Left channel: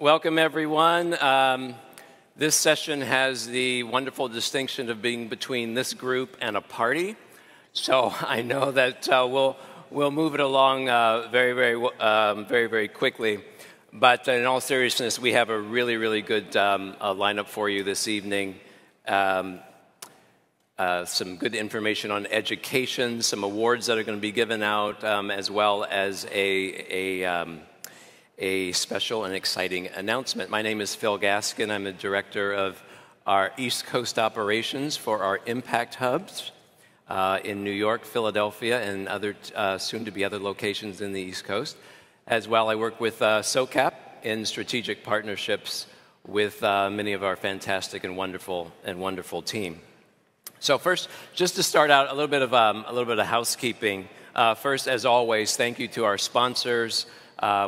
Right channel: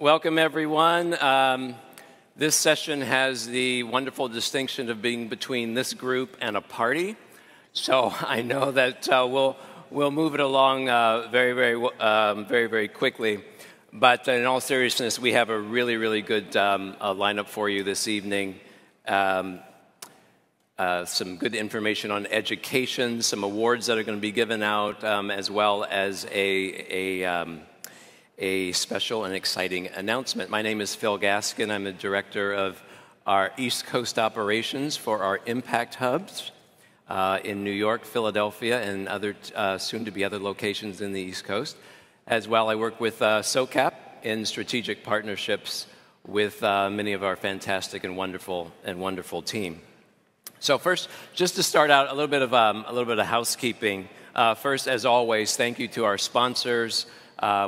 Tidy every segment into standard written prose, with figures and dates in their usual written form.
Welcome, everyone. This session has the wonderful distinction of being between this group and a party. So I know that we'll move it along very quickly. But in all seriousness, we have a really good lineup for you this evening. Some good information on education, some awards that are going to be given out, as well as a special and exciting announcement. My name is Phil Gaskin. I'm the director of our East Coast operations for our Impact Hubs in New York, Philadelphia, and other soon-to-be other locations in the East Coast. As well, I work with SOCAP in strategic partnerships with many of our fantastic and wonderful team. So first, just to start out, a little bit of housekeeping. First, as always, thank you to our sponsors.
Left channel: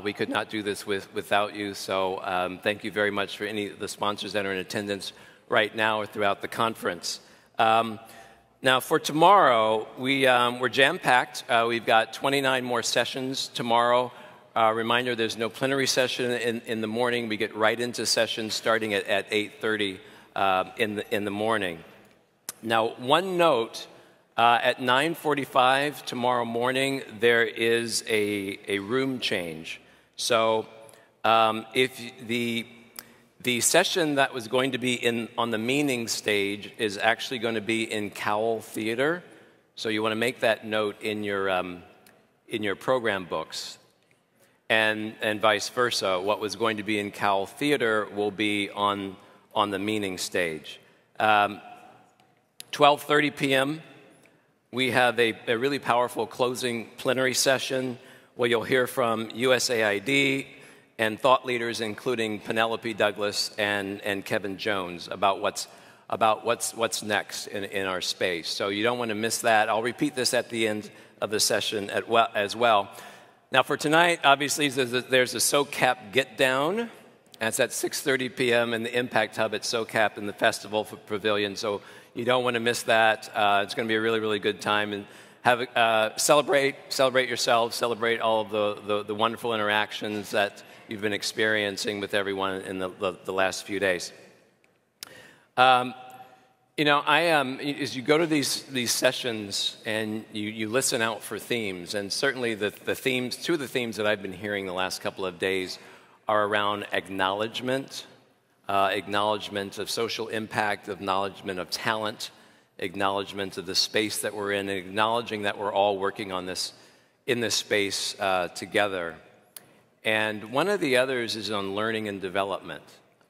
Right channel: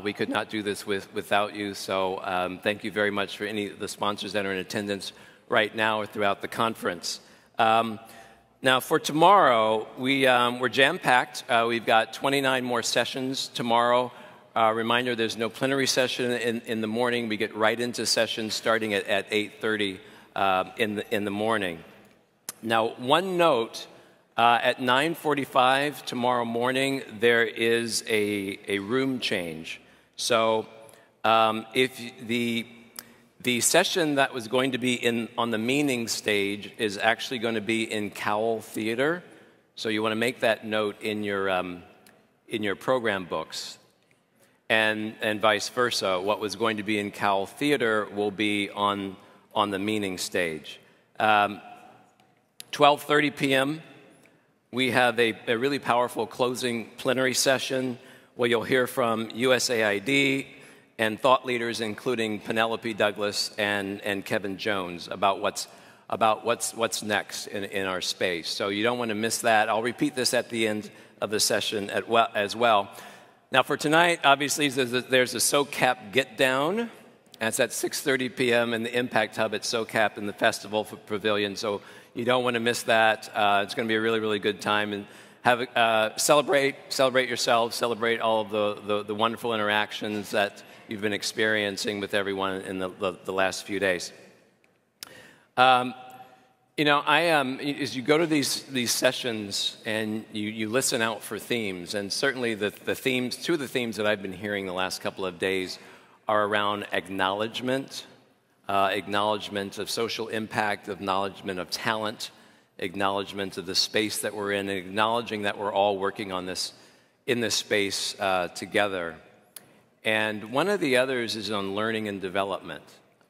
We could not do this without you, so thank you very much for any of the sponsors that are in attendance right now or throughout the conference. Now, for tomorrow, we're jam-packed. We've got 29 more sessions tomorrow. Reminder, there's no plenary session in the morning. We get right into sessions starting at 8:30 in the morning. Now, one note. At 9:45 tomorrow morning, there is a room change. So if the session that was going to be on the meaning stage is actually going to be in Cowell Theater. So you want to make that note in your program books. And vice versa. What was going to be in Cowell Theater will be on the meaning stage. 12:30 p.m. We have a really powerful closing plenary session where you'll hear from USAID and thought leaders, including Penelope Douglas and Kevin Jones, about what's next in our space. So you don't want to miss that. I'll repeat this at the end of the session as well. Now for tonight, obviously there's a SOCAP Get Down. That's at 6:30 p.m. in the Impact Hub at SOCAP in the Festival Pavilion. So you don't want to miss that. It's going to be a really good time, and celebrate yourselves, celebrate all of the wonderful interactions that you've been experiencing with everyone in the last few days. You know, as you go to these sessions and you listen out for themes, and certainly two of the themes that I've been hearing the last couple of days are around acknowledgement. Acknowledgement of social impact, acknowledgement of talent, acknowledgement of the space that we're in, and acknowledging that we're all working on this in this space together. And one of the others is on learning and development,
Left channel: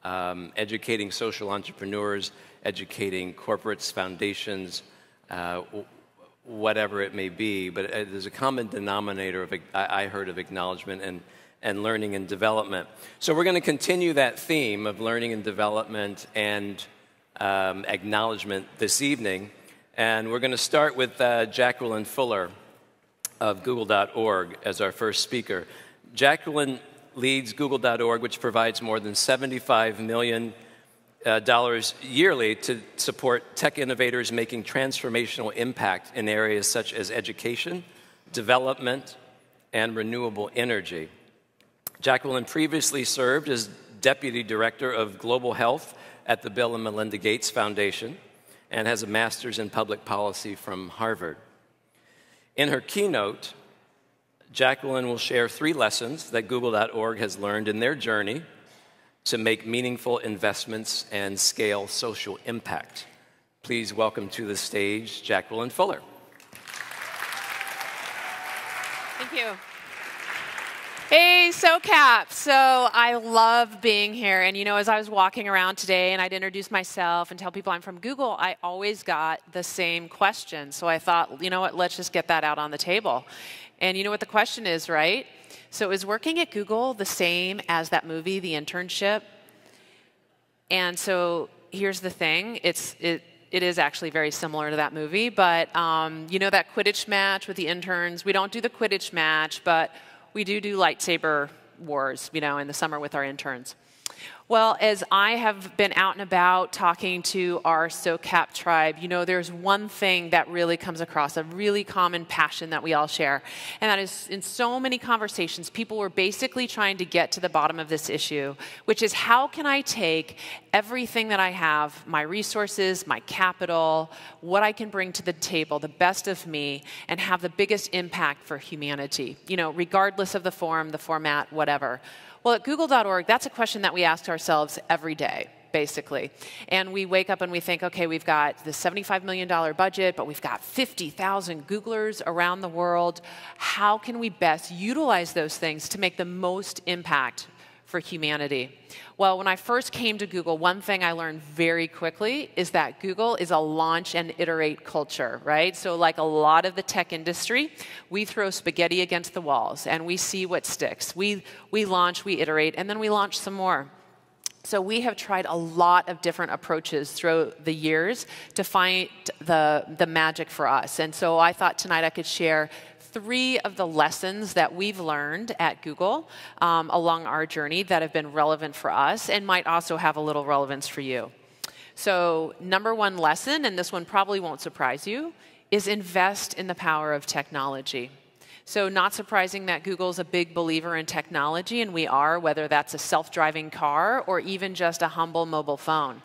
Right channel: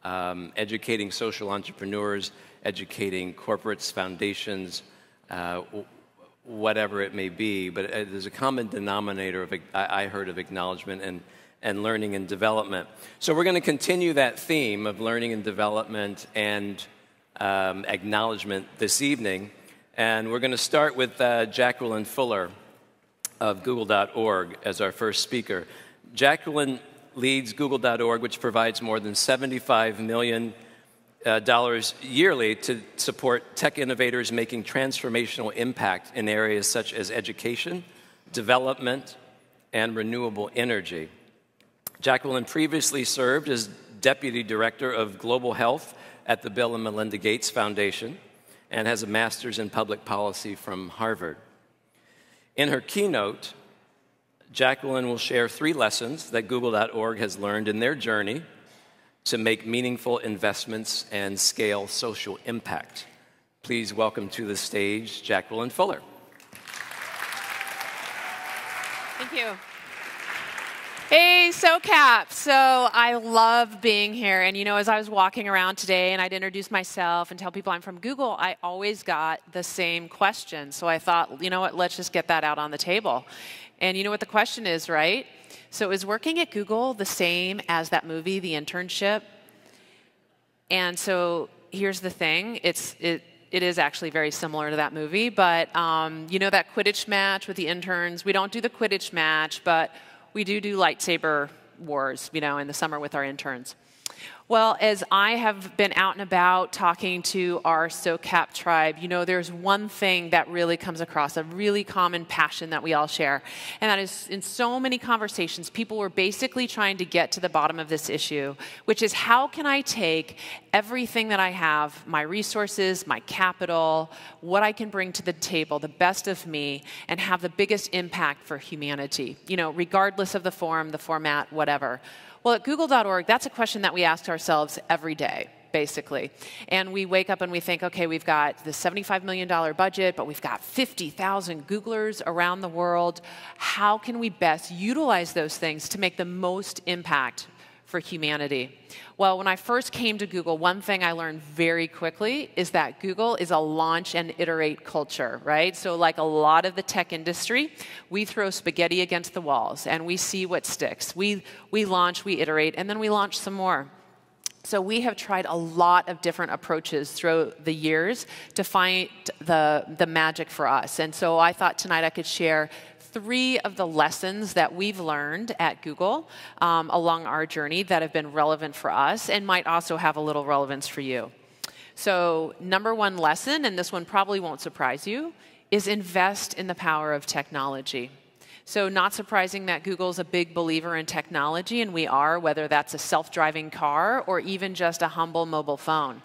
educating social entrepreneurs, educating corporates, foundations, whatever it may be. But there's a common denominator I heard of acknowledgement and learning and development. So we're going to continue that theme of learning and development and acknowledgement this evening. And we're going to start with Jacqueline Fuller of Google.org as our first speaker. Jacqueline leads Google.org, which provides more than $75 million yearly to support tech innovators making transformational impact in areas such as education, development, and renewable energy. Jacqueline previously served as Deputy Director of Global Health at the Bill and Melinda Gates Foundation and has a master's in public policy from Harvard. In her keynote, Jacqueline will share 3 lessons that Google.org has learned in their journey to make meaningful investments and scale social impact. Please welcome to the stage Jacqueline Fuller. Thank you. Hey, SOCAP. So I love being here. And, you know, as I was walking around today and I'd introduce myself and tell people I'm from Google, I always got the same question. So I thought, you know what, let's just get that out on the table. And you know what the question is, right? So is working at Google the same as that movie, The Internship? And so here's the thing. It is actually very similar to that movie. But, you know, that Quidditch match with the interns, we don't do the Quidditch match, but we do lightsaber wars, you know, in the summer with our interns. Well, as I have been out and about talking to our SoCap tribe, you know, there's one thing that really comes across, a really common passion that we all share. And that is, in so many conversations, people were basically trying to get to the bottom of this issue, which is how can I take everything that I have, my resources, my capital, what I can bring to the table, the best of me, and have the biggest impact for humanity, you know, regardless of the form, the format, whatever. Well, at Google.org, that's a question that we ask ourselves every day, basically. And we wake up and we think, okay, we've got this $75 million budget, but we've got 50,000 Googlers around the world. How can we best utilize those things to make the most impact for humanity? Well, when I first came to Google, one thing I learned very quickly is that Google is a launch and iterate culture, right? So like a lot of the tech industry, we throw spaghetti against the walls and we see what sticks. We launch, we iterate, and then we launch some more. So we have tried a lot of different approaches through the years to find the magic for us. And so I thought tonight I could share 3 of the lessons that we've learned at Google along our journey that have been relevant for us and might also have a little relevance for you. So number 1 lesson, and this one probably won't surprise you, is invest in the power of technology. So not surprising that Google's a big believer in technology, and we are, whether that's a self-driving car or even just a humble mobile phone.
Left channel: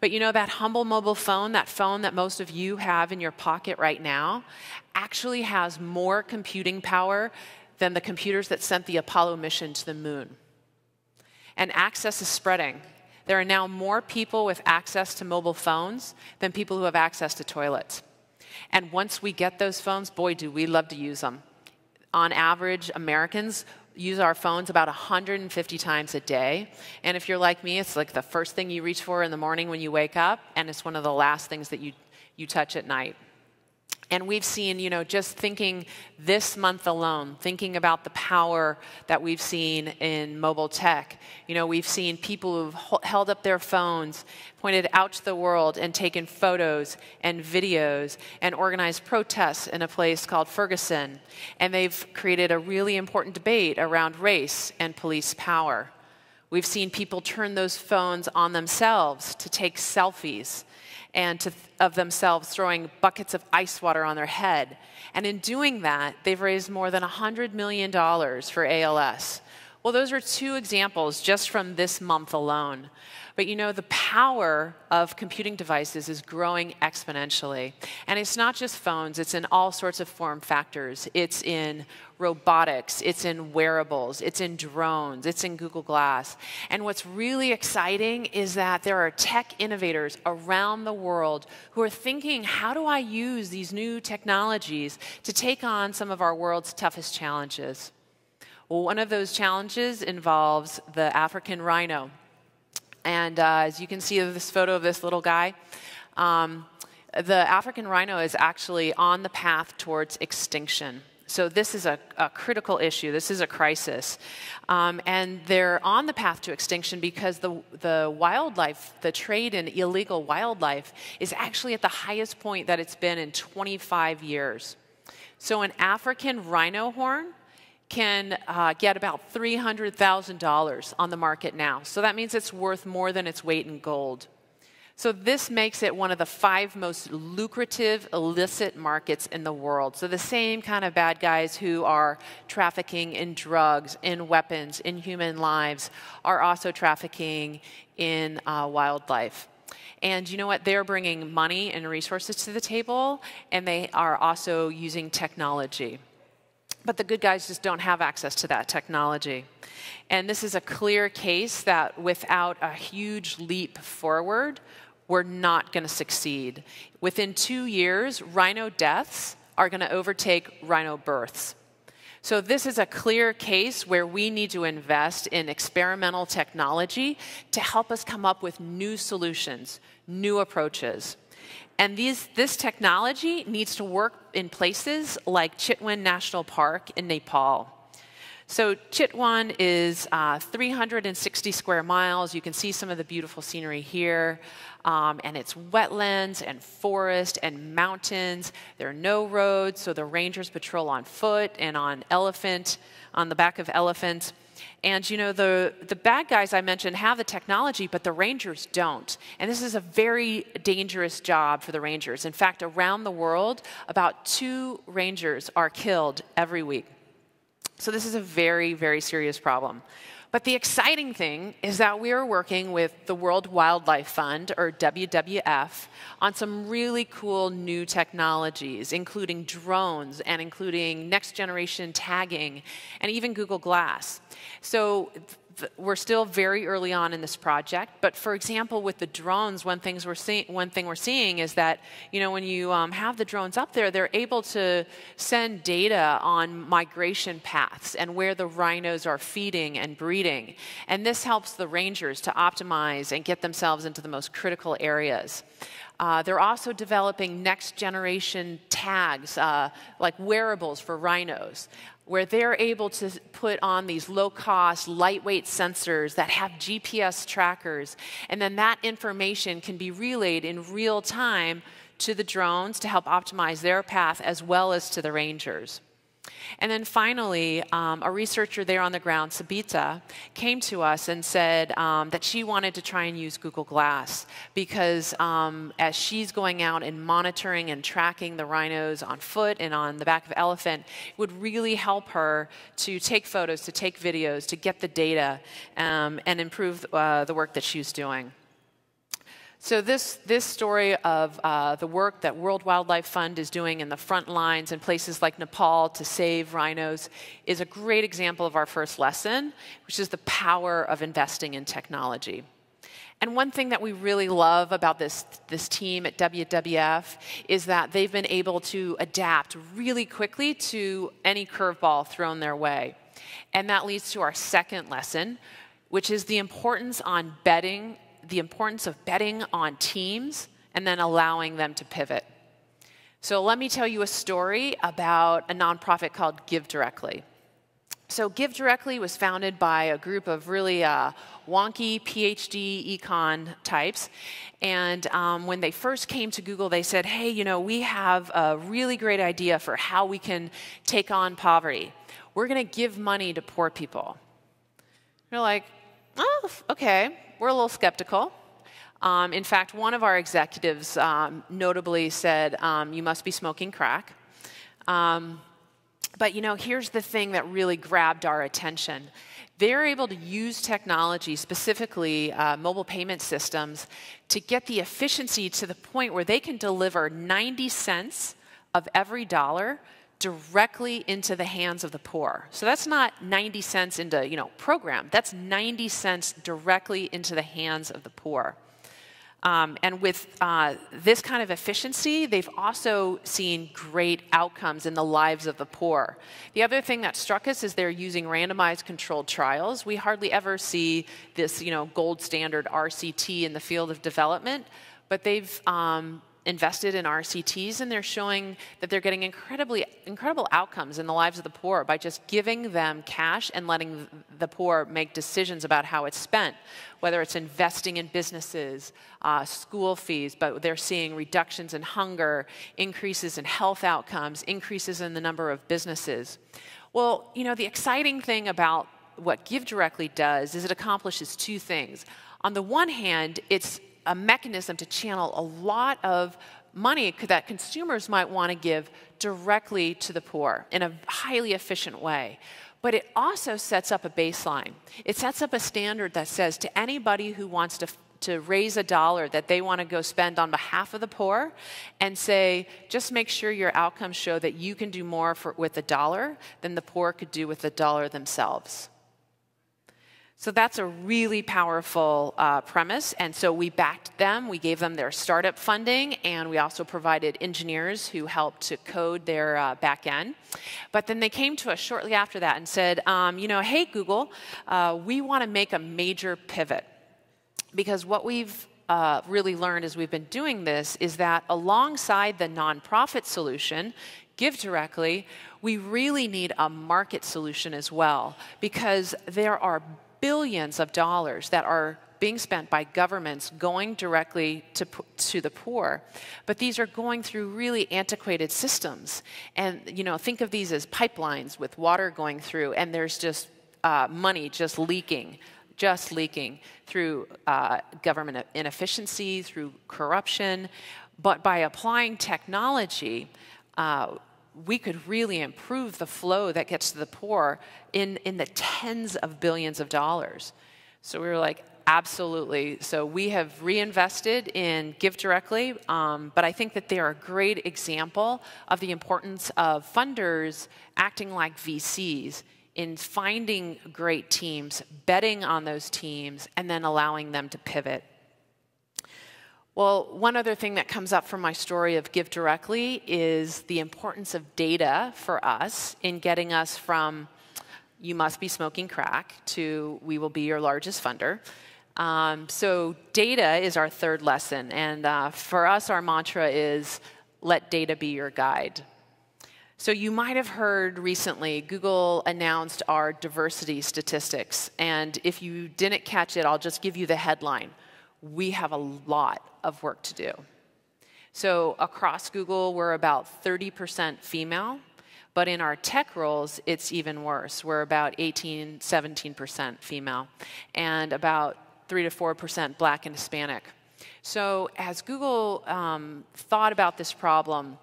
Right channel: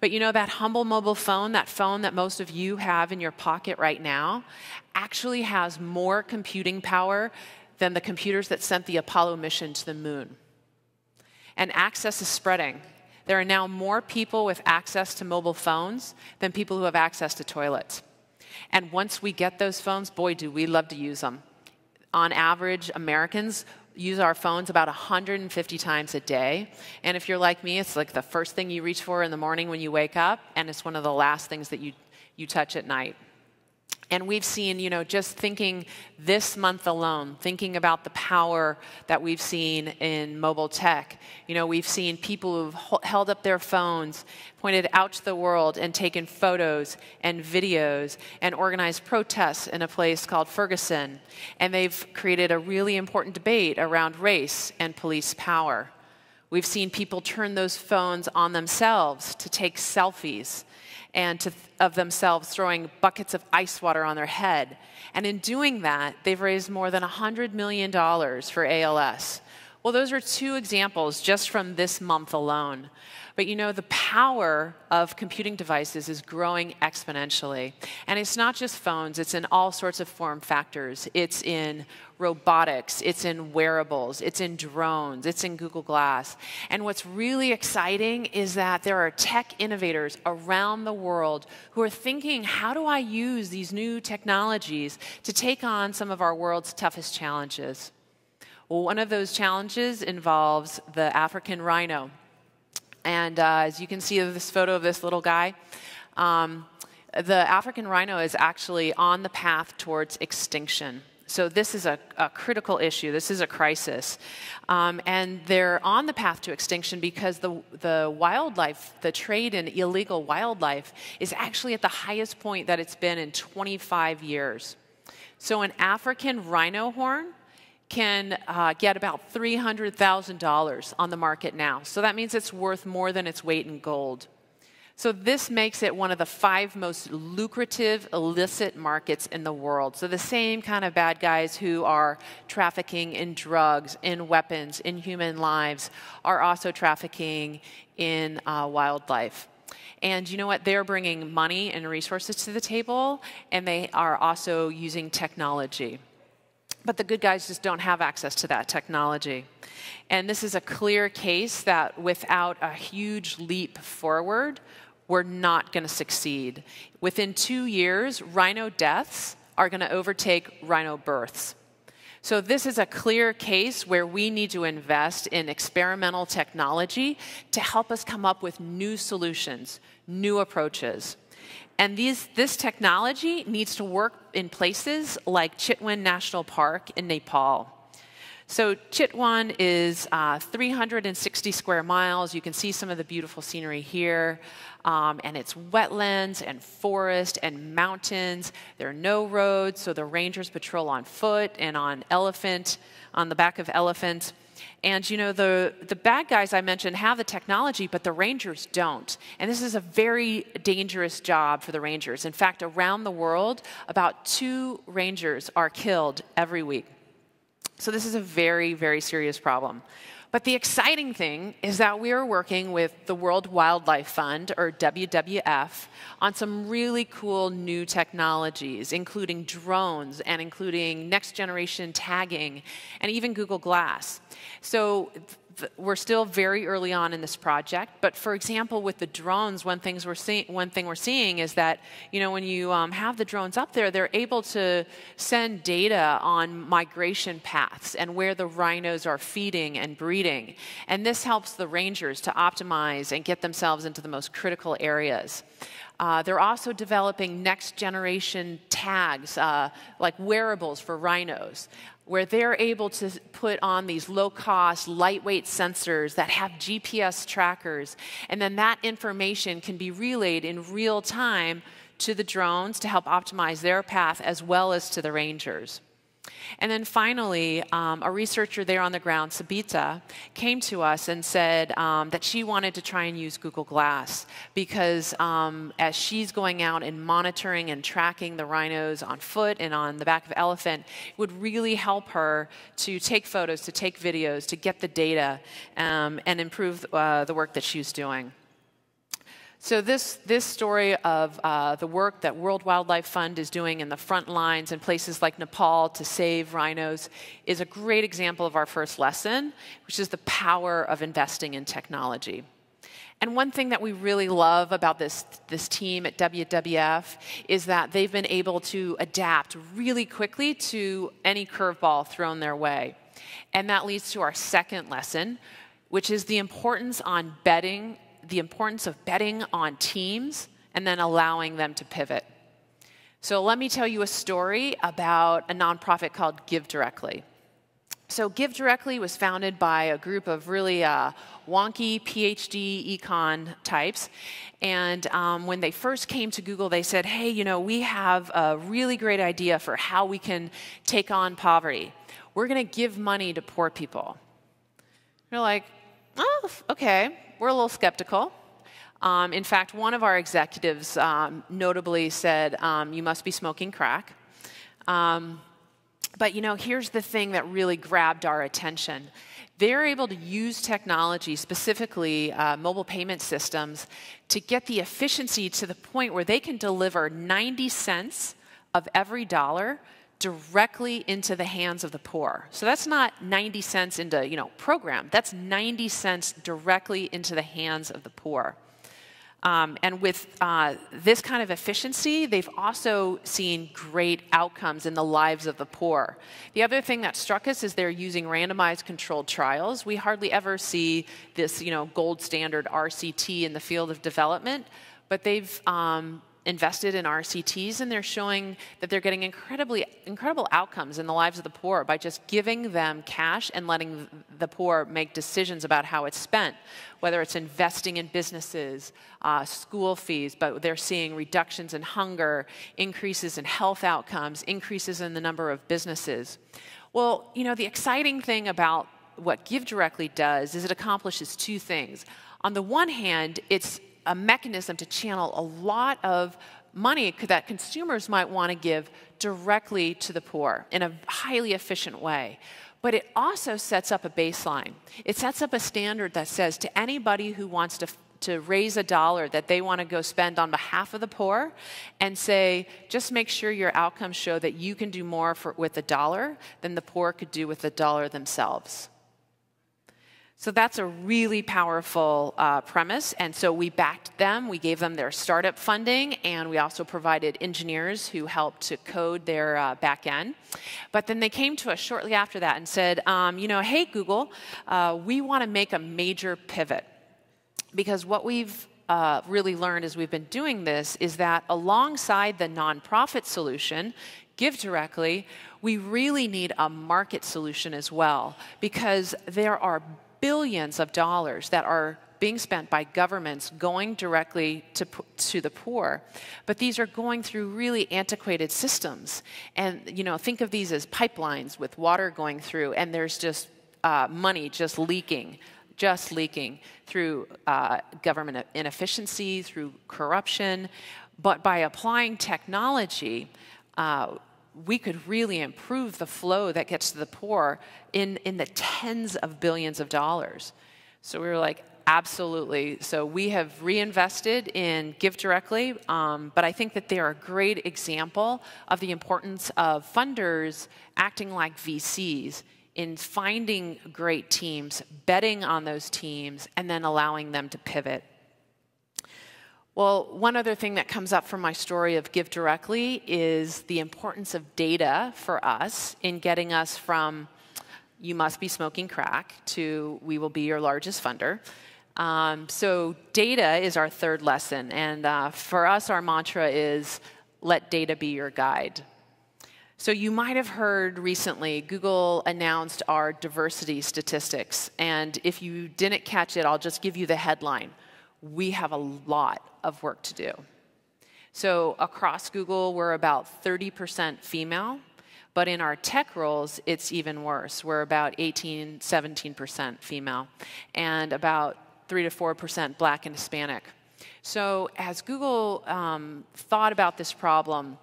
But you know, that humble mobile phone, that phone that most of you have in your pocket right now, actually has more computing power than the computers that sent the Apollo mission to the moon. And access is spreading. There are now more people with access to mobile phones than people who have access to toilets. And once we get those phones, boy, do we love to use them. On average, Americans use our phones about 150 times a day. And if you're like me, it's like the first thing you reach for in the morning when you wake up, and it's one of the last things that you touch at night. And we've seen, you know, just thinking this month alone, thinking about the power that we've seen in mobile tech. You know, we've seen people who've held up their phones, pointed out to the world and taken photos and videos and organized protests in a place called Ferguson. And they've created a really important debate around race and police power. We've seen people turn those phones on themselves to take selfies and of themselves throwing buckets of ice water on their head. And in doing that, they've raised more than $100 million for ALS. Well, those are 2 examples just from this month alone. But you know, the power of computing devices is growing exponentially. And it's not just phones, it's in all sorts of form factors. It's in robotics, it's in wearables, it's in drones, it's in Google Glass. And what's really exciting is that there are tech innovators around the world who are thinking, how do I use these new technologies to take on some of our world's toughest challenges? Well, one of those challenges involves the African rhino. And as you can see this photo of this little guy, the African rhino is actually on the path towards extinction. So this is a critical issue. This is a crisis. And they're on the path to extinction because the wildlife, the trade in illegal wildlife, is actually at the highest point that it's been in 25 years. So an African rhino horn can get about $300,000 on the market now. So that means it's worth more than its weight in gold. So this makes it one of the 5 most lucrative illicit markets in the world. So the same kind of bad guys who are trafficking in drugs, in weapons, in human lives, are also trafficking in wildlife. And you know what? They're bringing money and resources to the table, and they are also using technology. But the good guys just don't have access to that technology. And this is a clear case that without a huge leap forward, we're not going to succeed. Within 2 years, rhino deaths are going to overtake rhino births. So this is a clear case where we need to invest in experimental technology to help us come up with new solutions, new approaches. And this technology needs to work in places like Chitwan National Park in Nepal. So Chitwan is 360 square miles. You can see some of the beautiful scenery here. And it's wetlands and forest and mountains. There are no roads, so the rangers patrol on foot and on the back of elephants. And, you know, the bad guys I mentioned have the technology, but the rangers don't. And this is a very dangerous job for the rangers. In fact, around the world, about 2 rangers are killed every week. So this is a very, very serious problem. But the exciting thing is that we are working with the World Wildlife Fund, or WWF, on some really cool new technologies, including drones and including next generation tagging and even Google Glass. So we're still very early on in this project, but for example, with the drones, one thing we're seeing is that, you know, when you have the drones up there, they're able to send data on migration paths and where the rhinos are feeding and breeding. And this helps the rangers to optimize and get themselves into the most critical areas. They're also developing next generation tags, like wearables for rhinos, where they're able to put on these low-cost, lightweight sensors that have GPS trackers, and then that information can be relayed in real time to the drones to help optimize their path as well as to the rangers. And then finally, a researcher there on the ground, Sabita, came to us and said that she wanted to try and use Google Glass because as she's going out and monitoring and tracking the rhinos on foot and on the back of an elephant, it would really help her to take photos, to take videos, to get the data, and improve the work that she's doing. So this story of the work that World Wildlife Fund is doing in the front lines in places like Nepal to save rhinos is a great example of our first lesson, which is the power of investing in technology. And one thing that we really love about this team at WWF is that they've been able to adapt really quickly to any curveball thrown their way. And that leads to our second lesson, which is the importance of betting on teams and then allowing them to pivot. So let me tell you a story about a nonprofit called GiveDirectly. So GiveDirectly was founded by a group of really wonky PhD econ types. And when they first came to Google, they said, hey, you know, we have a really great idea for how we can take on poverty. We're going to give money to poor people. They're like, oh, okay. We're a little skeptical. In fact, one of our executives notably said, you must be smoking crack. But, you know, here's the thing that really grabbed our attention. They're able to use technology, specifically mobile payment systems, to get the efficiency to the point where they can deliver 90 cents of every dollar directly into the hands of the poor. So that's not 90 cents into, you know, program. That's 90 cents directly into the hands of the poor. And with this kind of efficiency, they've also seen great outcomes in the lives of the poor. The other thing that struck us is they're using randomized controlled trials. We hardly ever see this, you know, gold standard RCT in the field of development, but they've invested in RCTs, and they're showing that they're getting incredible outcomes in the lives of the poor by just giving them cash and letting the poor make decisions about how it's spent, whether it's investing in businesses, school fees, but they're seeing reductions in hunger, increases in health outcomes, increases in the number of businesses. Well, you know, the exciting thing about what GiveDirectly does is it accomplishes 2 things. On the one hand, it's a mechanism to channel a lot of money that consumers might want to give directly to the poor in a highly efficient way. But it also sets up a baseline. It sets up a standard that says to anybody who wants to raise a dollar that they want to go spend on behalf of the poor, and say, just make sure your outcomes show that you can do more with a dollar than the poor could do with a dollar themselves. So that's a really powerful premise, and so we backed them. We gave them their startup funding, and we also provided engineers who helped to code their back end. But then they came to us shortly after that and said, you know, hey, Google, we want to make a major pivot. Because what we've really learned as we've been doing this is that alongside the nonprofit solution, GiveDirectly, we really need a market solution as well, because there are billions of dollars that are being spent by governments going directly to the poor, but these are going through really antiquated systems. And, you know, think of these as pipelines with water going through, and there's just money just leaking through government inefficiency, through corruption. But by applying technology, we could really improve the flow that gets to the poor in the tens of billions of dollars. So we were like, absolutely. So we have reinvested in Give Directly, but I think that they're a great example of the importance of funders acting like VCs in finding great teams, betting on those teams, and then allowing them to pivot. Well, one other thing that comes up from my story of Give Directly is the importance of data for us in getting us from you must be smoking crack to we will be your largest funder. So data is our third lesson, and for us our mantra is let data be your guide. So you might have heard recently Google announced our diversity statistics, and if you didn't catch it, I'll just give you the headline. We have a lot of work to do. So across Google, we're about 30% female, but in our tech roles, it's even worse. We're about 18, 17% female, and about 3 to 4% Black and Hispanic. So as Google thought about this problem,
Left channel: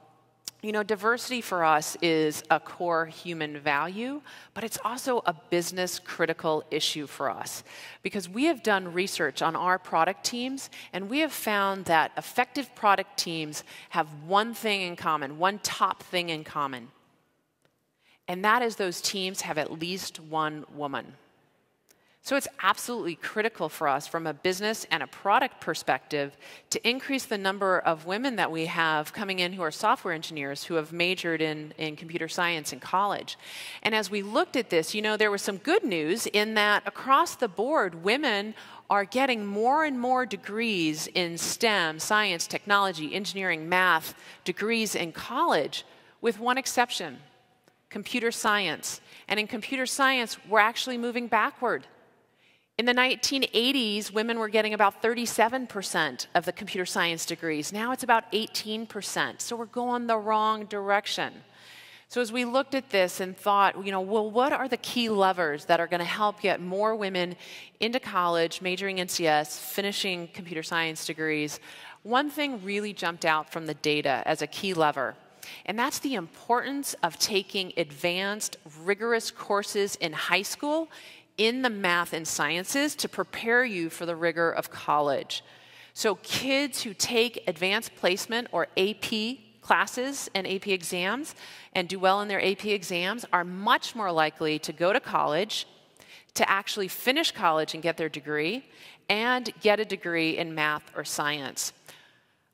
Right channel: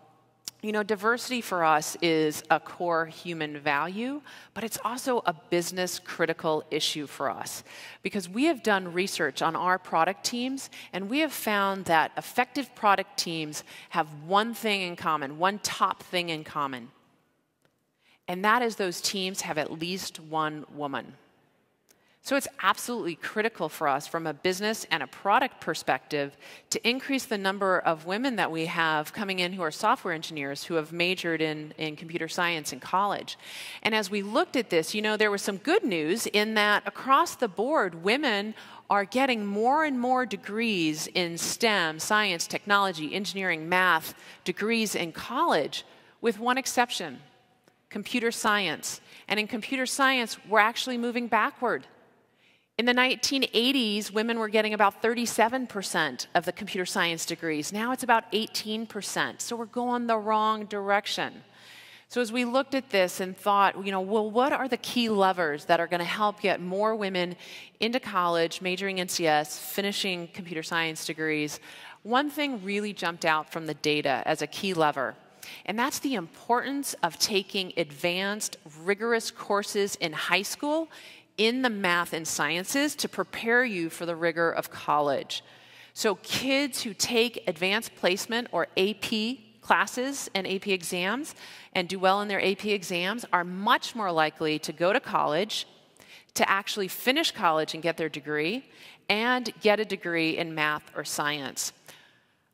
you know, diversity for us is a core human value, but it's also a business critical issue for us because we have done research on our product teams, and we have found that effective product teams have one thing in common, one top thing in common, and that is those teams have at least one woman. So it's absolutely critical for us from a business and a product perspective to increase the number of women that we have coming in who are software engineers who have majored in computer science in college. And as we looked at this, you know, there was some good news in that across the board, women are getting more and more degrees in STEM, science, technology, engineering, math, degrees in college, with one exception, computer science. And in computer science, we're actually moving backward. In the 1980s, women were getting about 37% of the computer science degrees. Now it's about 18%. So we're going the wrong direction. So as we looked at this and thought, you know, well, what are the key levers that are going to help get more women into college, majoring in CS, finishing computer science degrees? One thing really jumped out from the data as a key lever, and that's the importance of taking advanced, rigorous courses in high school in the math and sciences to prepare you for the rigor of college. So kids who take advanced placement or AP classes and AP exams and do well in their AP exams are much more likely to go to college, to actually finish college and get their degree, and get a degree in math or science.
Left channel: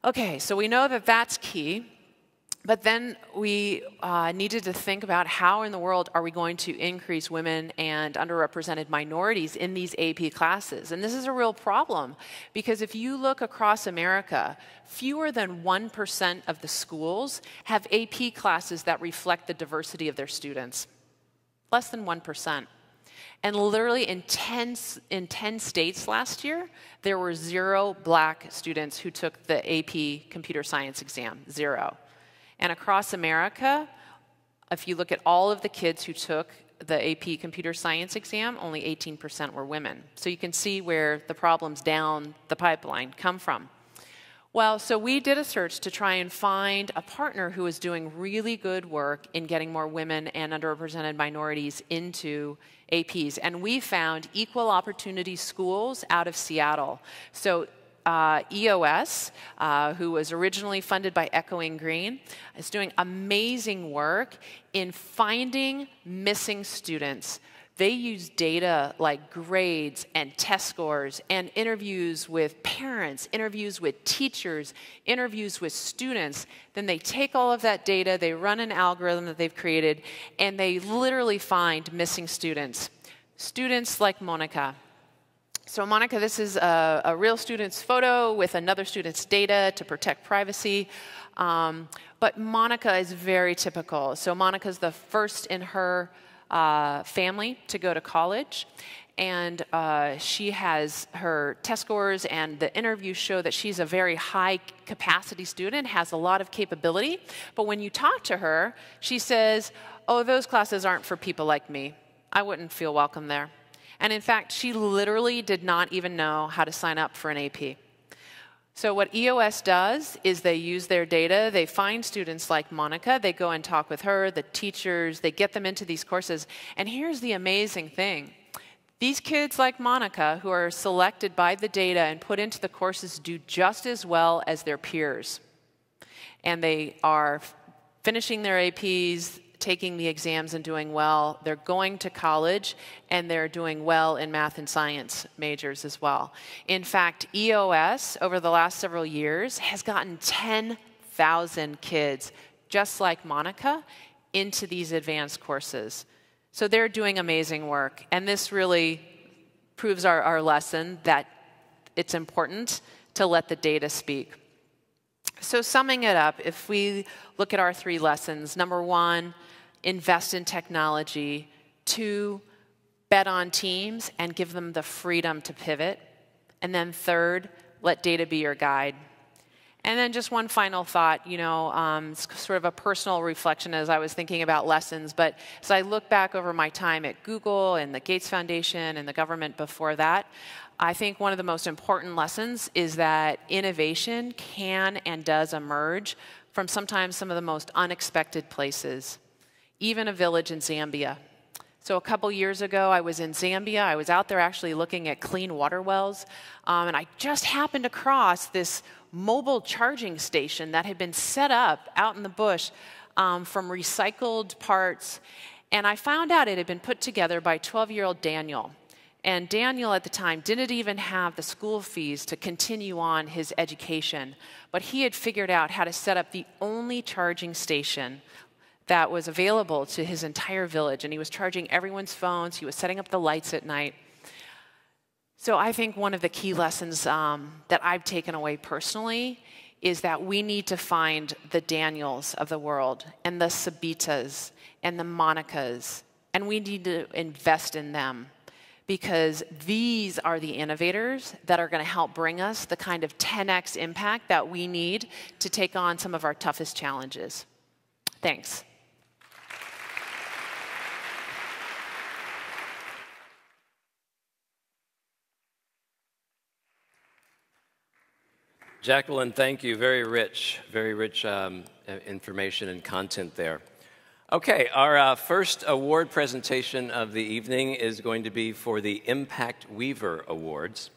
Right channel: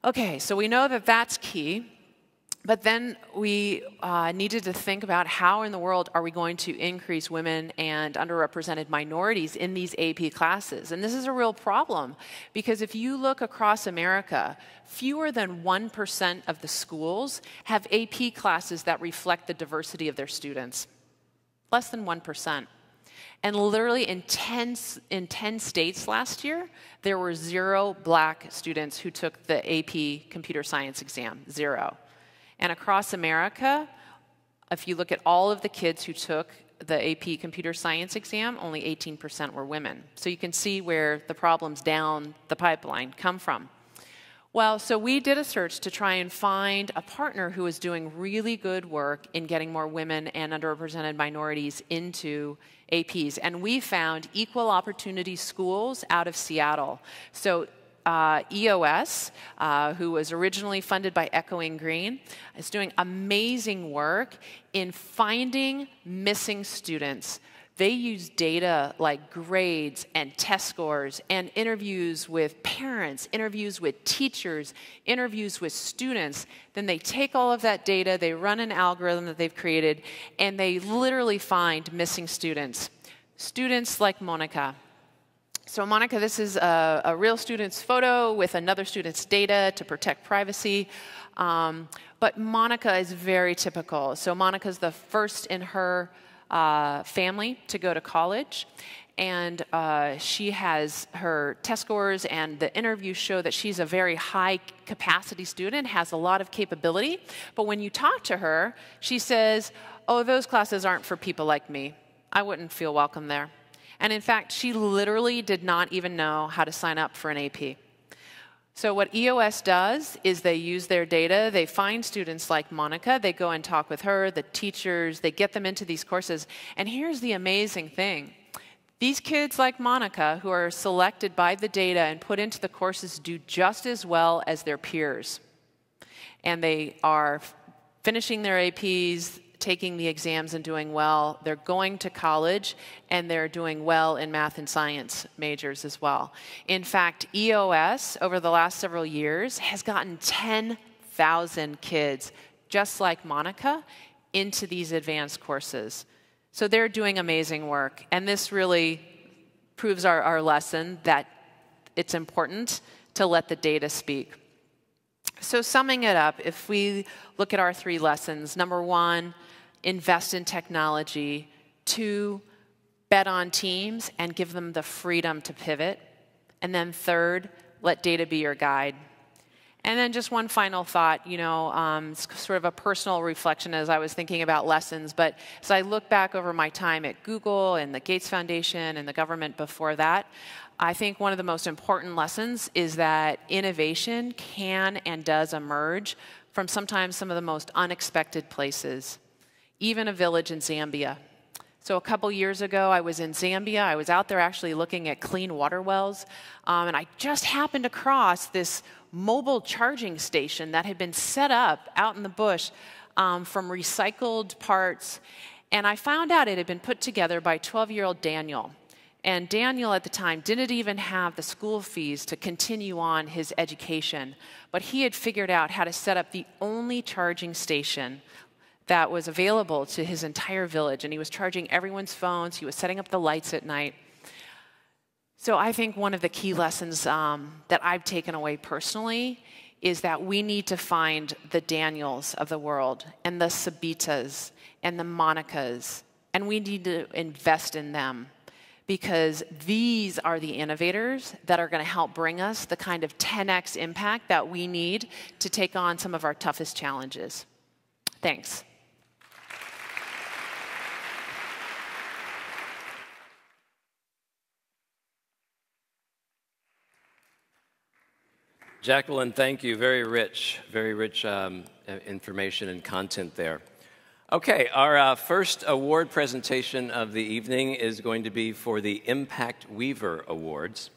Okay, so we know that that's key. But then we needed to think about how in the world are we going to increase women and underrepresented minorities in these AP classes. And this is a real problem because if you look across America, fewer than 1% of the schools have AP classes that reflect the diversity of their students. Less than 1%. And literally in 10 states last year, there were 0 Black students who took the AP computer science exam, 0. And across America, if you look at all of the kids who took the AP computer science exam, only 18% were women. So you can see where the problems down the pipeline come from. Well, so we did a search to try and find a partner who is doing really good work in getting more women and underrepresented minorities into APs. And we found Equal Opportunity Schools out of Seattle. So EOS, who was originally funded by Echoing Green, is doing amazing work in finding missing students. They use data like grades and test scores and interviews with parents, interviews with teachers, interviews with students. Then they take all of that data, they run an algorithm that they've created, and they literally find missing students. Students like Monica. So Monica, this is a real student's photo with another student's data to protect privacy. But Monica is very typical. So Monica's the first in her family to go to college. And she has her test scores and the interviews show that she's a very high capacity student, has a lot of capability. But when you talk to her, she says, oh, those classes aren't for people like me. I wouldn't feel welcome there. And in fact, she literally did not even know how to sign up for an AP. So what EOS does is they use their data, they find students like Monica, they go and talk with her, the teachers, they get them into these courses. And here's the amazing thing. These kids like Monica, who are selected by the data and put into the courses, do just as well as their peers. And they are finishing their APs, taking the exams and doing well. They're going to college, and they're doing well in math and science majors as well. In fact, EOS, over the last several years, has gotten 10,000 kids, just like Monica, into these advanced courses. So they're doing amazing work. And this really proves our lesson that it's important to let the data speak. So summing it up, if we look at our 3 lessons, number 1, invest in technology. 2, bet on teams and give them the freedom to pivot. And then 3rd, let data be your guide. And then just one final thought, sort of a personal reflection as I was thinking about lessons. But as I look back over my time at Google and the Gates Foundation and the government before that, I think one of the most important lessons is that innovation can and does emerge from sometimes some of the most unexpected places, even a village in Zambia. So a couple years ago, I was in Zambia. I was out there actually looking at clean water wells, and I just happened across this mobile charging station that had been set up out in the bush from recycled parts. And I found out it had been put together by 12-year-old Daniel. And Daniel at the time didn't even have the school fees to continue on his education. But he had figured out how to set up the only charging station that was available to his entire village. And he was charging everyone's phones. He was setting up the lights at night. So I think one of the key lessons that I've taken away personally is that we need to find the Daniels of the world and the Sabitas and the Monicas, and we need to invest in them because these are the innovators that are going to help bring us the kind of 10x impact that we need to take on some of our toughest challenges. Thanks. Jacqueline, thank you. Very rich information and content there. Okay, our first award presentation of the evening is going to be for the Impact Weaver Awards.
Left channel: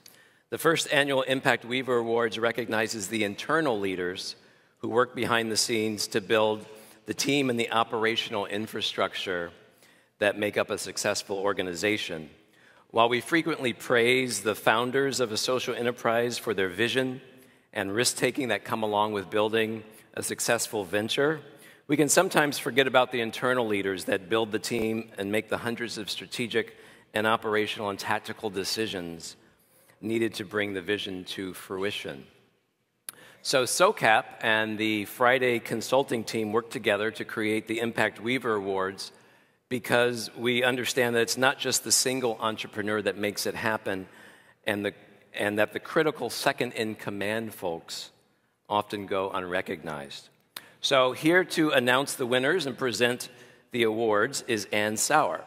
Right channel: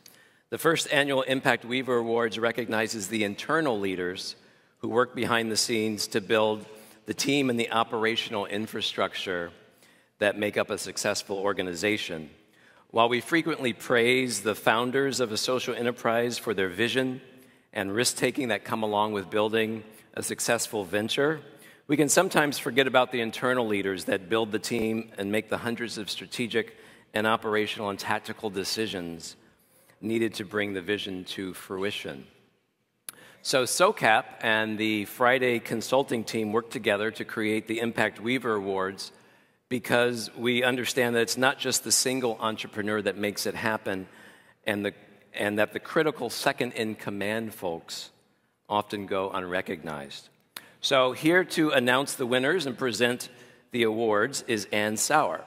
The first annual Impact Weaver Awards recognizes the internal leaders who work behind the scenes to build the team and the operational infrastructure that make up a successful organization. While we frequently praise the founders of a social enterprise for their vision and risk-taking that come along with building a successful venture, we can sometimes forget about the internal leaders that build the team and make the hundreds of strategic and operational and tactical decisions needed to bring the vision to fruition. So SOCAP and the Friday Consulting team worked together to create the Impact Weaver Awards because we understand that it's not just the single entrepreneur that makes it happen, and that the critical second-in-command folks often go unrecognized. So here to announce the winners and present the awards is Ann Sauer.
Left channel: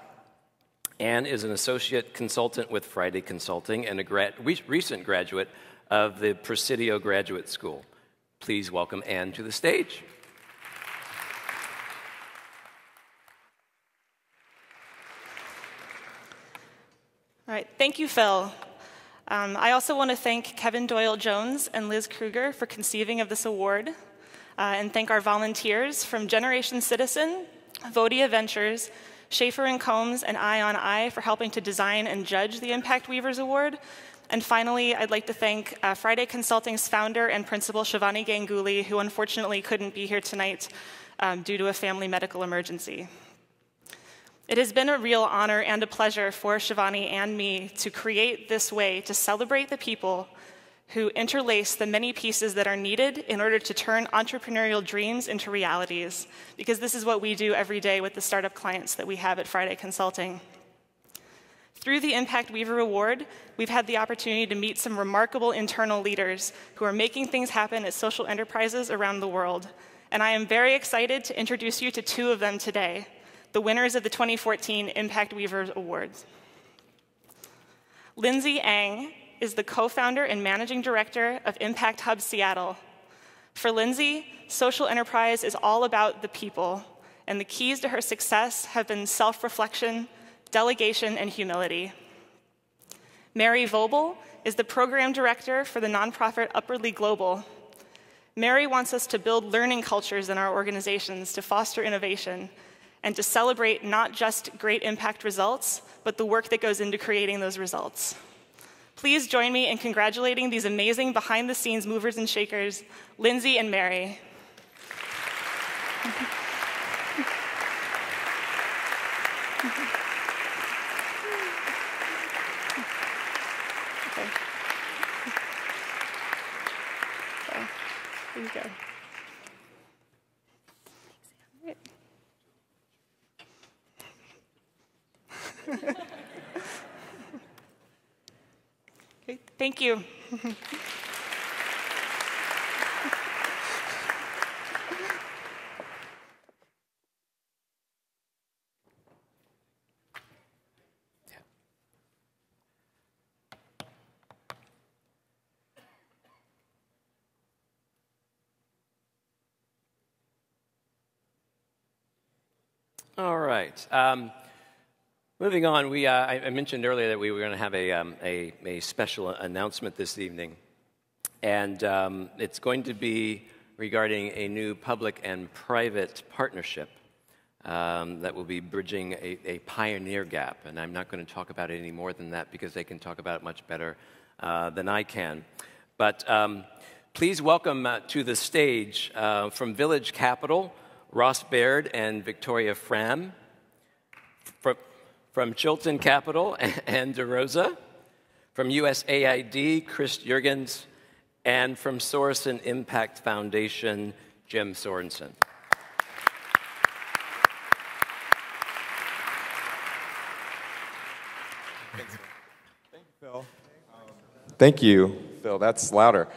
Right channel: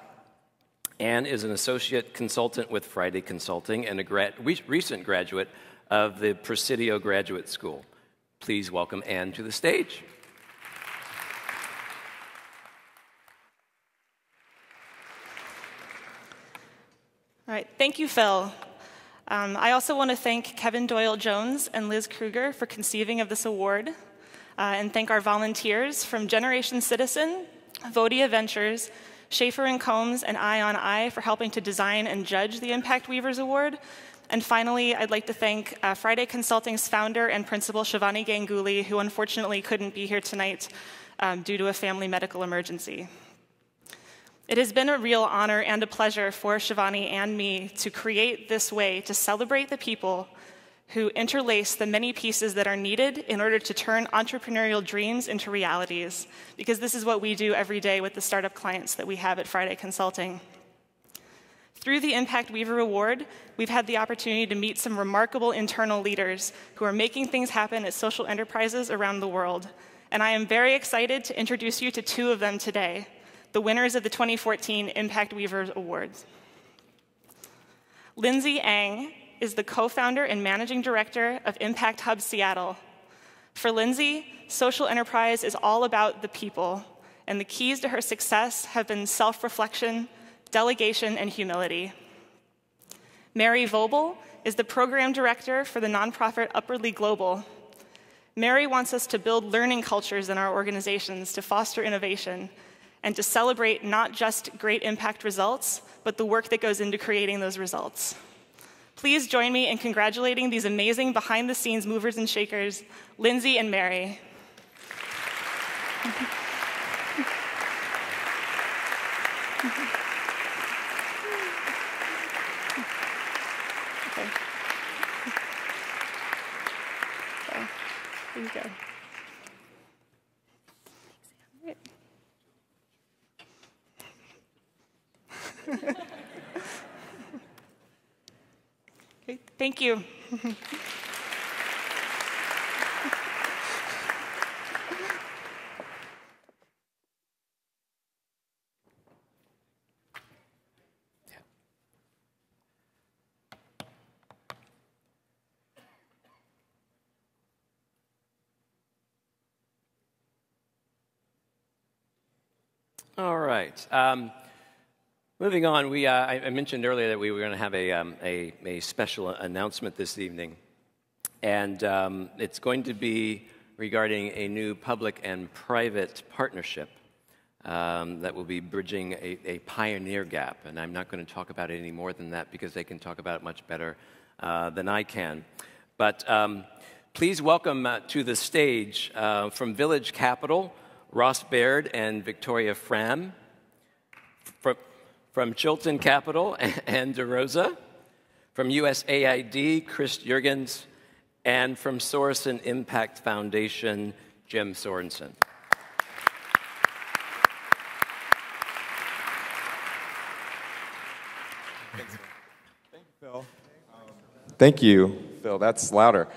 Ann is an associate consultant with Friday Consulting and a recent graduate of the Presidio Graduate School. Please welcome Ann to the stage. All right, thank you, Phil. I also want to thank Kevin Doyle-Jones and Liz Kruger for conceiving of this award, and thank our volunteers from Generation Citizen, Vodia Ventures, Schaefer & Combs, and Eye on Eye for helping to design and judge the Impact Weavers Award. And finally, I'd like to thank Friday Consulting's founder and principal, Shivani Ganguly, who unfortunately couldn't be here tonight due to a family medical emergency. It has been a real honor and a pleasure for Shivani and me to create this way to celebrate the people who interlace the many pieces that are needed in order to turn entrepreneurial dreams into realities, because this is what we do every day with the startup clients that we have at Friday Consulting. Through the Impact Weaver Award, we've had the opportunity to meet some remarkable internal leaders who are making things happen at social enterprises around the world. And I am very excited to introduce you to 2 of them today. the winners of the 2014 Impact Weavers Awards. Lindsay Ang is the co-founder and managing director of Impact Hub Seattle. For Lindsay, social enterprise is all about the people, and the keys to her success have been self-reflection, delegation, and humility. Mary Vobel is the program director for the nonprofit Upwardly Global. Mary wants us to build learning cultures in our organizations to foster innovation and to celebrate not just great impact results, but the work that goes into creating those results. Please join me in congratulating these amazing behind-the-scenes movers and shakers, Lindsay and Mary. Here you go. Okay, thank you. All right. Moving on, I mentioned earlier that we were going to have a special announcement this evening, and it's going to be regarding a new public and private partnership that will be bridging a pioneer gap, and I'm not going to talk about it any more than that because they can talk about it much better than I can. But please welcome to the stage from Village Capital, Ross Baird and Victoria Fram. From Chilton Capital, Ann DeRosa. From USAID, Chris Jurgens. And from Sorensen Impact Foundation, Jim Sorensen. Thank you, Phil. Thank you, Phil. That's louder.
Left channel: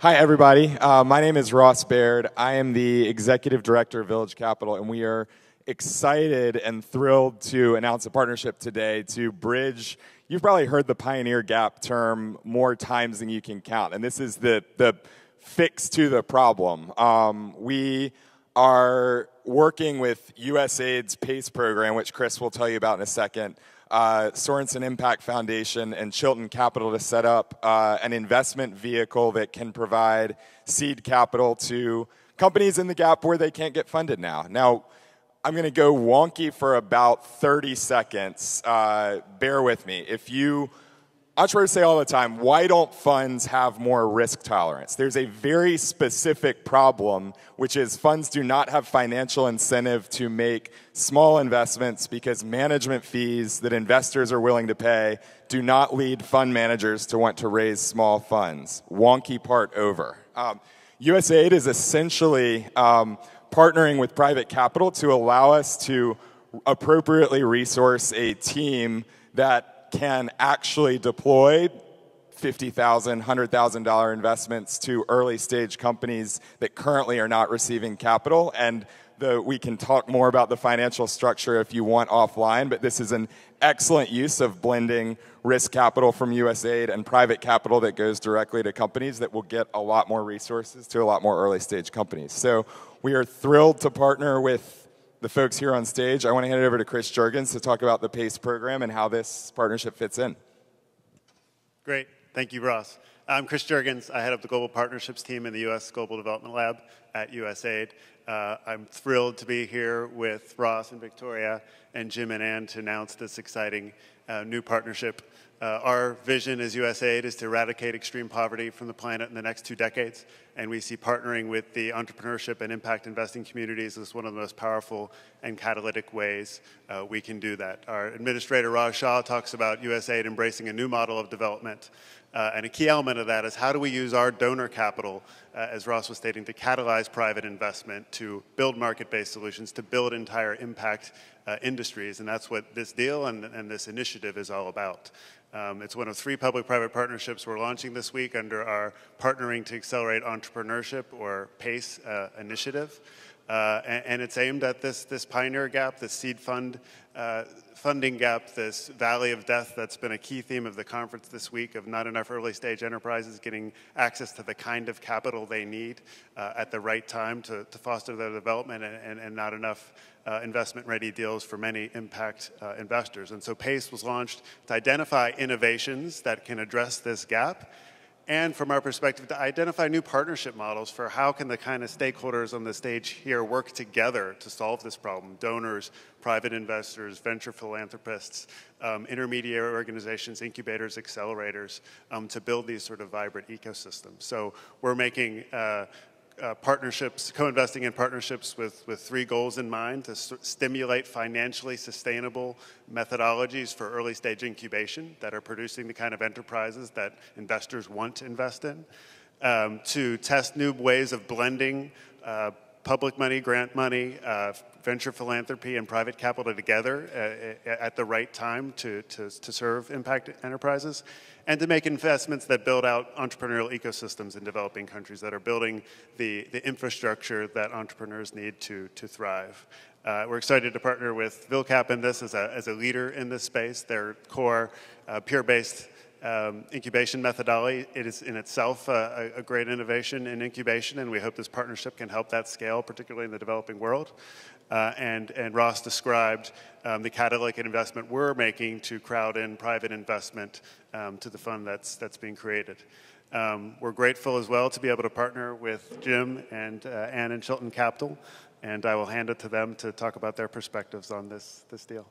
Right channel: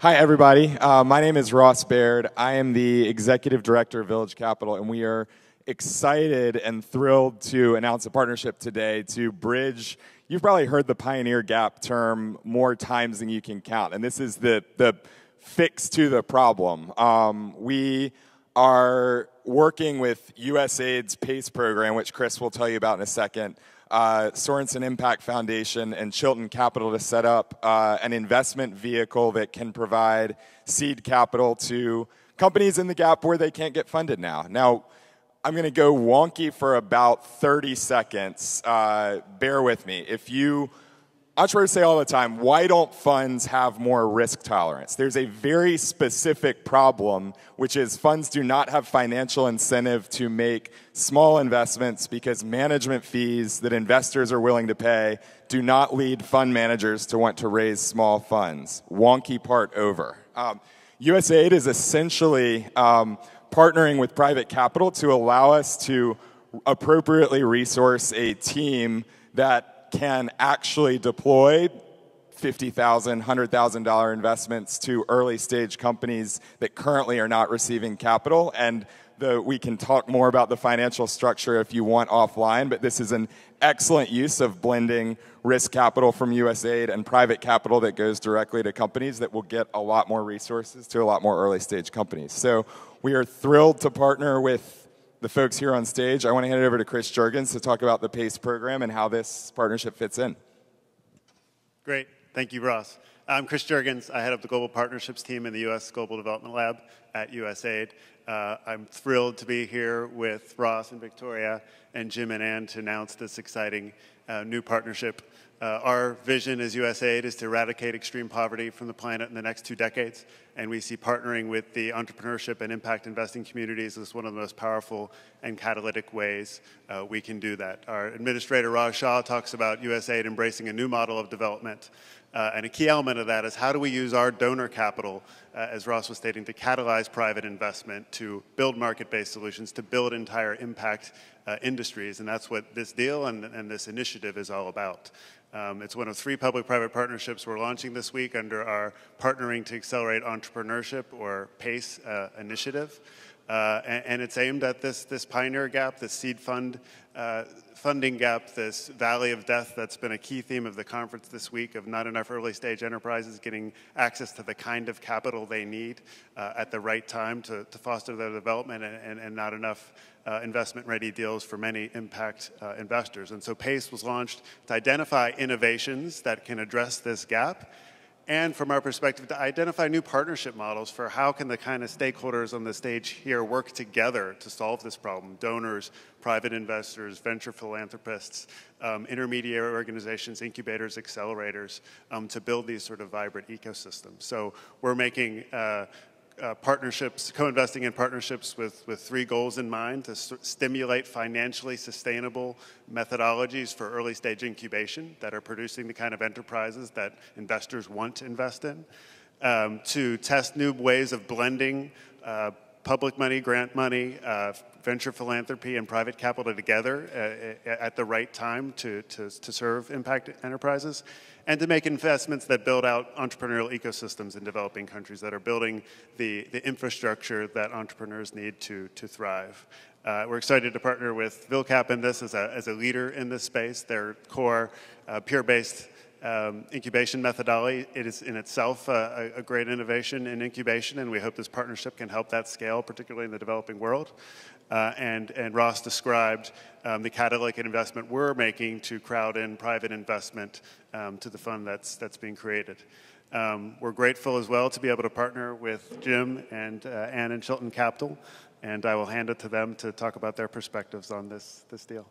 Hi, everybody. My name is Ross Baird. I am the Executive Director of Village Capital, and we are excited and thrilled to announce a partnership today to bridge. You've probably heard the pioneer gap term more times than you can count, and this is the fix to the problem. We are working with USAID's PACE program, which Chris will tell you about in a second, Sorensen Impact Foundation, and Chilton Capital to set up an investment vehicle that can provide seed capital to companies in the gap where they can't get funded now. Now, I'm going to go wonky for about 30 seconds. Bear with me. Entrepreneurs say all the time, why don't funds have more risk tolerance? There's a very specific problem, which is funds do not have financial incentive to make small investments because management fees that investors are willing to pay do not lead fund managers to want to raise small funds. Wonky part over. USAID is essentially partnering with private capital to allow us to appropriately resource a team that can actually deploy $50,000, $100,000 investments to early stage companies that currently are not receiving capital. And we can talk more about the financial structure if you want offline, but this is an excellent use of blending risk capital from USAID and private capital that goes directly to companies that will get a lot more resources to a lot more early stage companies. So we are thrilled to partner with the folks here on stage. I want to hand it over to Chris Jurgens to talk about the PACE program and how this partnership fits in. Great. Thank you, Ross. I'm Chris Jurgens. I head up the Global Partnerships team in the U.S. Global Development Lab at USAID. I'm thrilled to be here with Ross and Victoria and Jim and Ann to announce this exciting new partnership. Our vision as USAID is to eradicate extreme poverty from the planet in the next 2 decades, and we see partnering with the entrepreneurship and impact investing communities as one of the most powerful and catalytic ways we can do that. Our administrator, Raj Shah, talks about USAID embracing a new model of development, and a key element of that is how do we use our donor capital, as Ross was stating, to catalyze private investment, to build market-based solutions, to build entire impact industries, and that's what this deal and this initiative is all about. It's one of 3 public-private partnerships we're launching this week under our Partnering to Accelerate Entrepreneurship, or PACE, initiative. And it's aimed at this pioneer gap, this seed funding gap, this valley of death that's been a key theme of the conference this week, of not enough early stage enterprises getting access to the kind of capital they need at the right time to foster their development, and not enough investment-ready deals for many impact investors. And so PACE was launched to identify innovations that can address this gap, and from our perspective, to identify new partnership models for how can the kind of stakeholders on the stage here work together to solve this problem: donors, private investors, venture philanthropists, intermediary organizations, incubators, accelerators, to build these sort of vibrant ecosystems. So we're making partnerships, co-investing in partnerships with 3 goals in mind: to stimulate financially sustainable methodologies for early stage incubation that are producing the kind of enterprises that investors want to invest in, to test new ways of blending public money, grant money, venture philanthropy, and private capital together at the right time to serve impact enterprises, and to make investments that build out entrepreneurial ecosystems in developing countries that are building the infrastructure that entrepreneurs need to thrive. We're excited to partner with VilCap in this as a leader in this space. Their core peer-based incubation methodology, it is in itself a great innovation in incubation, and we hope this partnership can help that scale, particularly in the developing world. And Ross described the catalytic investment we're making to crowd in private investment to the fund that's being created. We're grateful as well to be able to partner with Jim and Ann and Chilton Capital, and I will hand it to them to talk about their perspectives on this deal.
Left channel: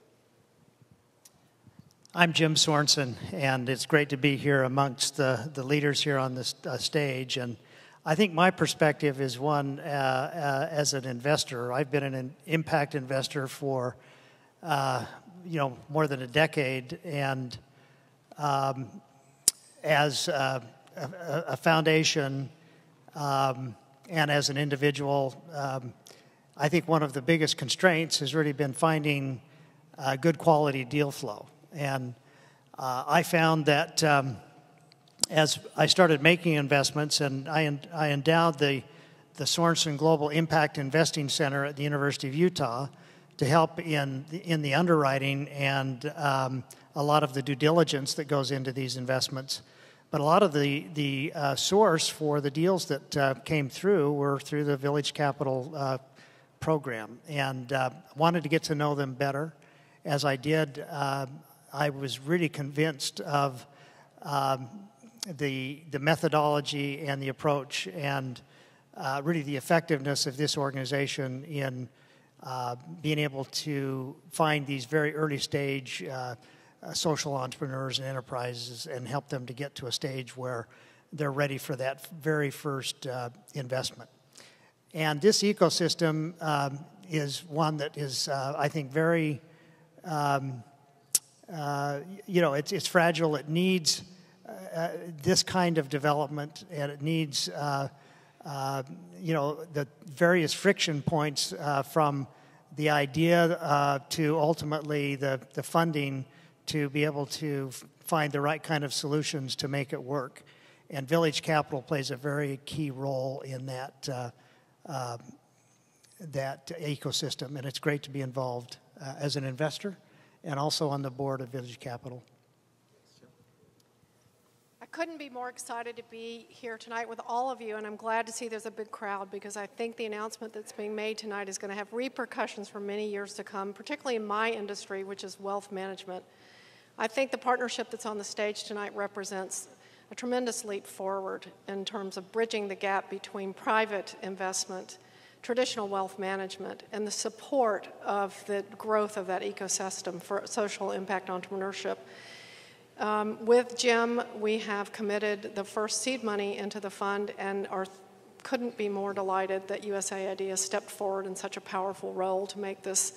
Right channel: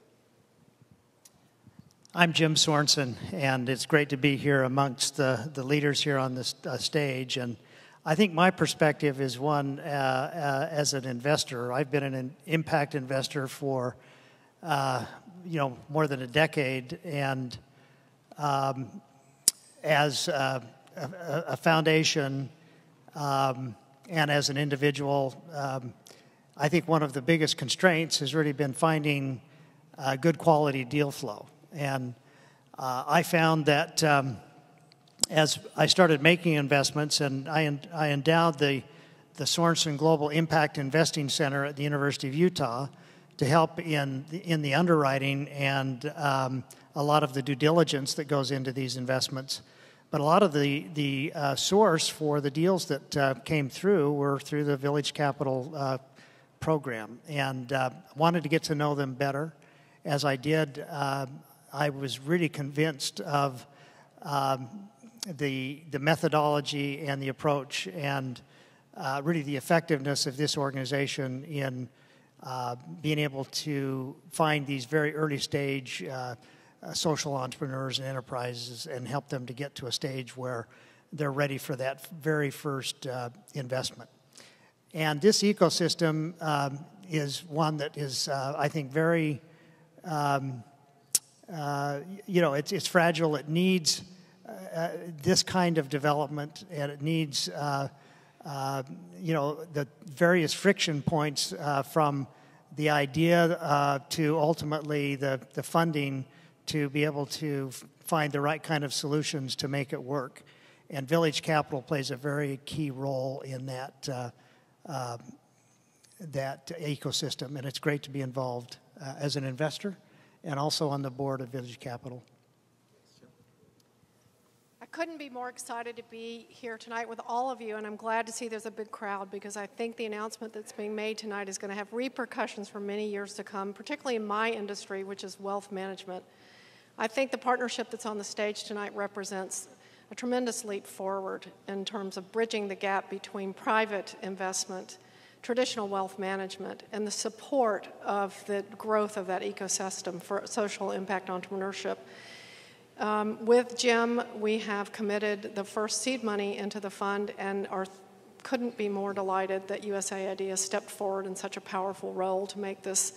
I'm Jim Sorensen, and it's great to be here amongst the leaders here on this stage. And I think my perspective is one as an investor. I've been an impact investor for more than a decade, and as a foundation and as an individual, I think one of the biggest constraints has really been finding good quality deal flow. And I found that as I started making investments, and I endowed the Sorensen Global Impact Investing Center at the University of Utah to help in the underwriting and a lot of the due diligence that goes into these investments. But a lot of the source for the deals that came through were through the Village Capital program, and wanted to get to know them better. As I did, I was really convinced of the methodology and the approach, and really the effectiveness of this organization in being able to find these very early stage social entrepreneurs and enterprises and help them to get to a stage where they're ready for that very first investment. And this ecosystem is one that is, I think, very it's fragile. It needs this kind of development, and it needs, the various friction points from the idea to ultimately the funding to be able to find the right kind of solutions to make it work. And Village Capital plays a very key role in that ecosystem, and it's great to be involved as an investor and also on the board of Village Capital. I couldn't be more excited to be here tonight with all of you, and I'm glad to see there's a big crowd, because I think the announcement that's being made tonight is going to have repercussions for many years to come, particularly in my industry, which is wealth management. I think the partnership that's on the stage tonight represents a tremendous leap forward in terms of bridging the gap between private investment, traditional wealth management, and the support of the growth of that ecosystem for social impact entrepreneurship. With Jim, we have committed the first seed money into the fund, and couldn't be more delighted that USAID has stepped forward in such a powerful role to make this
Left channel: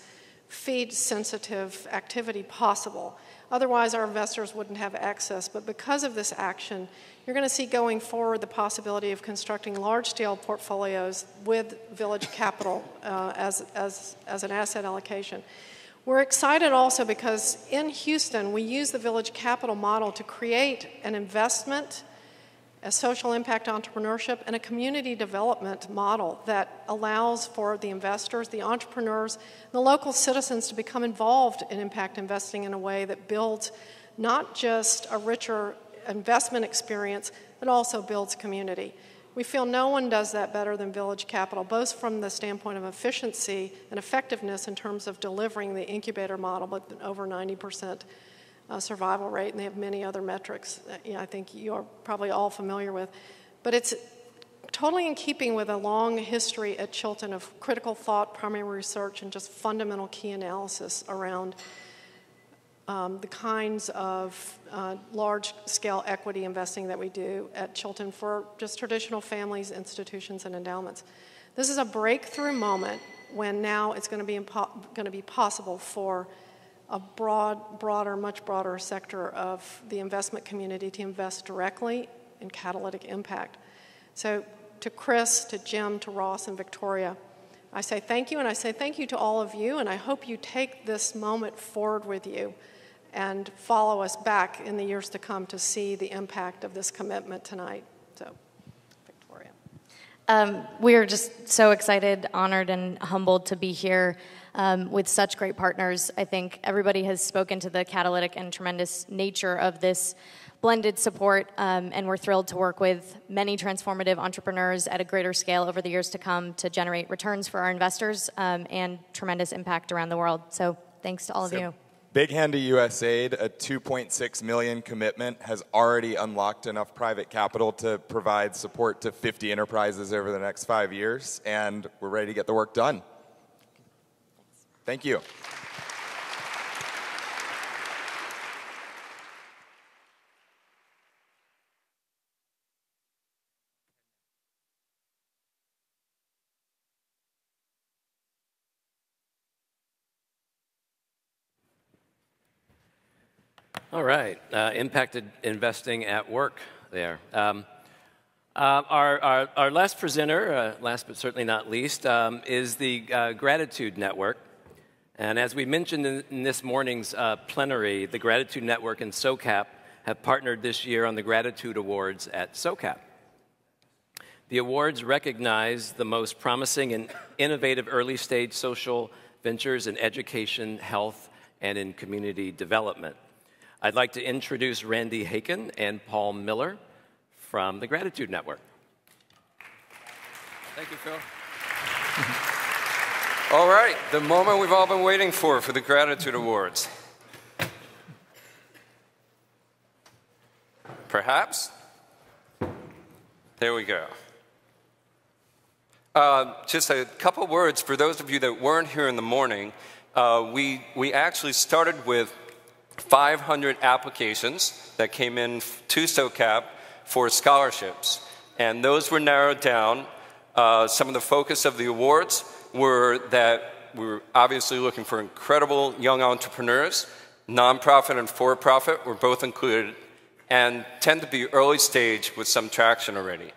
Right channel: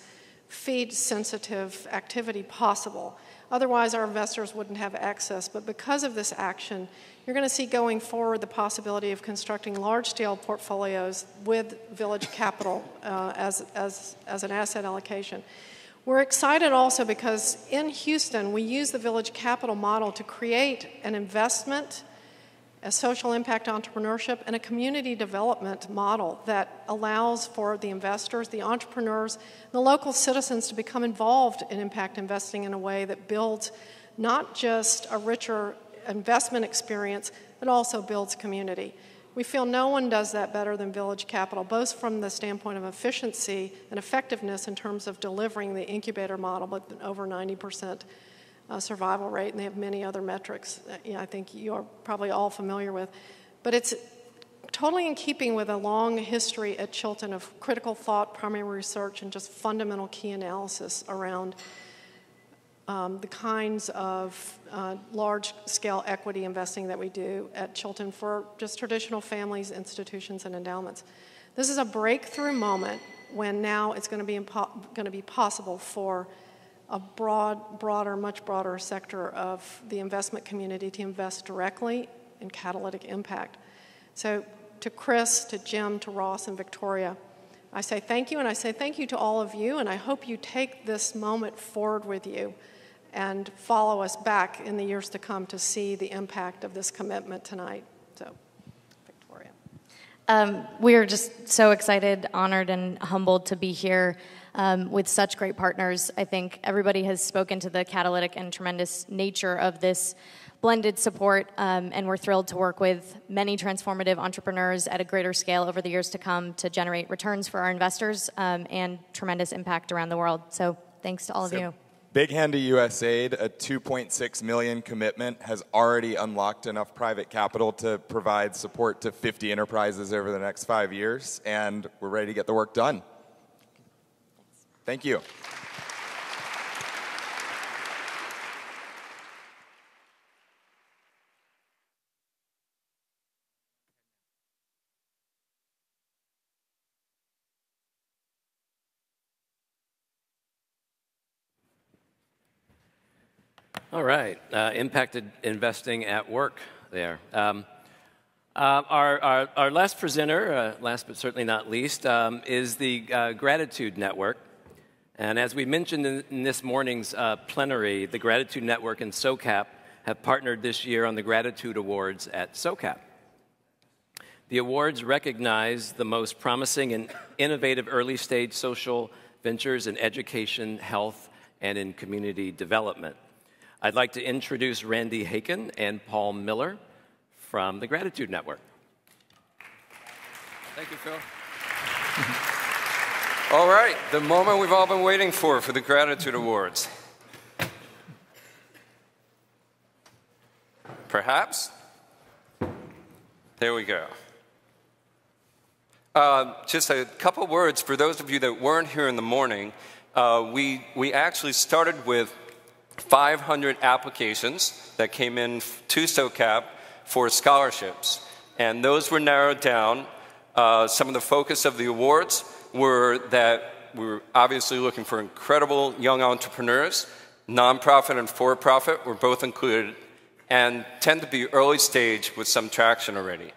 feed-sensitive activity possible. Otherwise, our investors wouldn't have access. But because of this action, you're going to see going forward the possibility of constructing large-scale portfolios with Village Capital as an asset allocation. We're excited also because in Houston, we use the Village Capital model to create an investment a social impact entrepreneurship, and a community development model that allows for the investors, the entrepreneurs, the local citizens to become involved in impact investing in a way that builds not just a richer investment experience, but also builds community. We feel no one does that better than Village Capital, both from the standpoint of efficiency and effectiveness in terms of delivering the incubator model, but over 90% survival rate, and they have many other metrics that, I think you're probably all familiar with. But it's totally in keeping with a long history at Chilton of critical thought, primary research, and just fundamental key analysis around the kinds of large-scale equity investing that we do at Chilton for just traditional families, institutions, and endowments. This is a breakthrough moment when now it's going to be possible for a much broader sector of the investment community to invest directly in catalytic impact. So to Chris, to Jim, to Ross, and Victoria, I say thank you, and I say thank you to all of you, and I hope you take this moment forward with you and follow us back in the years to come to see the impact of this commitment tonight. So, Victoria. We are just so excited, honored, and humbled to be here with such great partners. I think everybody has spoken to the catalytic and tremendous nature of this blended support, and we're thrilled to work with many transformative entrepreneurs at a greater scale over the years to come to generate returns for our investors and tremendous impact around the world. So thanks to all of you. Big hand to USAID, a $2.6 million commitment has already unlocked enough private capital to provide support to 50 enterprises over the next 5 years, and we're ready to get the work done. Thank you. All right, impacted investing at work there. Our last presenter, last but certainly not least, is the Gratitude Network. And as we mentioned in this morning's plenary, the Gratitude Network and SOCAP have partnered this year on the Gratitude Awards at SOCAP. The awards recognize the most promising and innovative early-stage social ventures in education, health, and in community development. I'd like to introduce Randy Haken and Paul Miller from the Gratitude Network. Thank you, Phil. All right, the moment we've all been waiting for the Gratitude Awards. Perhaps? There we go. Just a couple words for those of you that weren't here in the morning. We actually started with 500 applications that came in to SOCAP for scholarships, and those were narrowed down. Some of the focus of the awards were that we're obviously looking for incredible young entrepreneurs. Nonprofit and for-profit were both included and tend to be early stage with some traction already.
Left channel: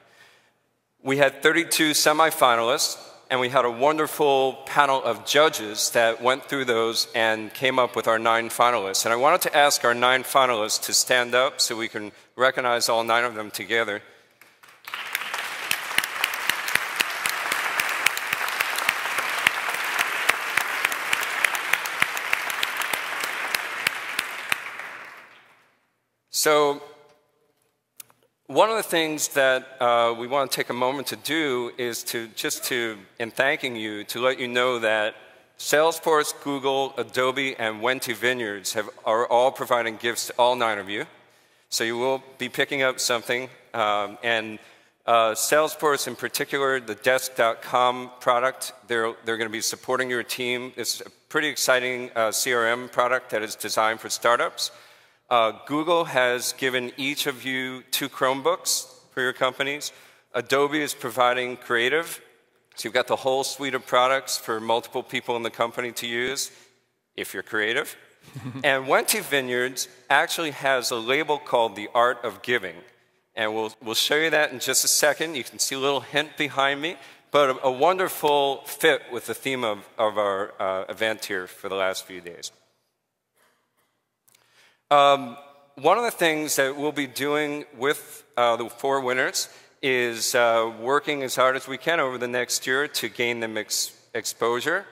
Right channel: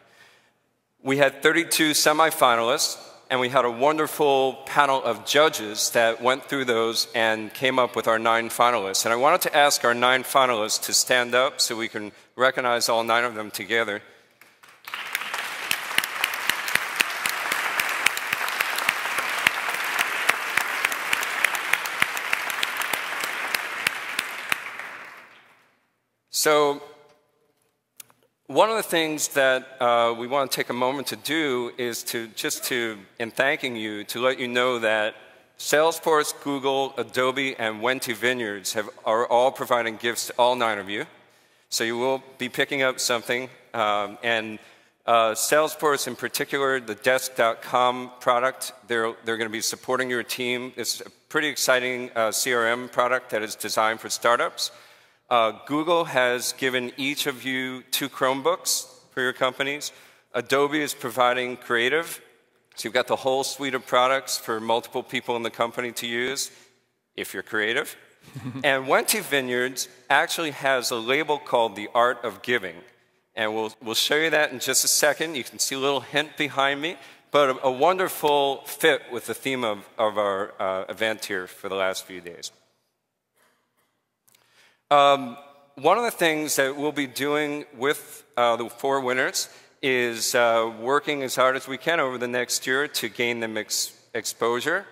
We had 32 semifinalists, and we had a wonderful panel of judges that went through those and came up with our 9 finalists. And I wanted to ask our 9 finalists to stand up so we can recognize all 9 of them together. So one of the things that we want to take a moment to do is in thanking you, to let you know that Salesforce, Google, Adobe, and Wente Vineyards are all providing gifts to all 9 of you. So you will be picking up something. And Salesforce in particular, the Desk.com product, they're going to be supporting your team. It's a pretty exciting CRM product that is designed for startups. Google has given each of you 2 Chromebooks for your companies. Adobe is providing Creative. So you've got the whole suite of products for multiple people in the company to use, if you're creative. And Wente Vineyards actually has a label called The Art of Giving. And we'll show you that in just a second. You can see a little hint behind me, but a wonderful fit with the theme of our event here for the last few days. one of the things that we'll be doing with the 4 winners is working as hard as we can over the next year to gain them exposure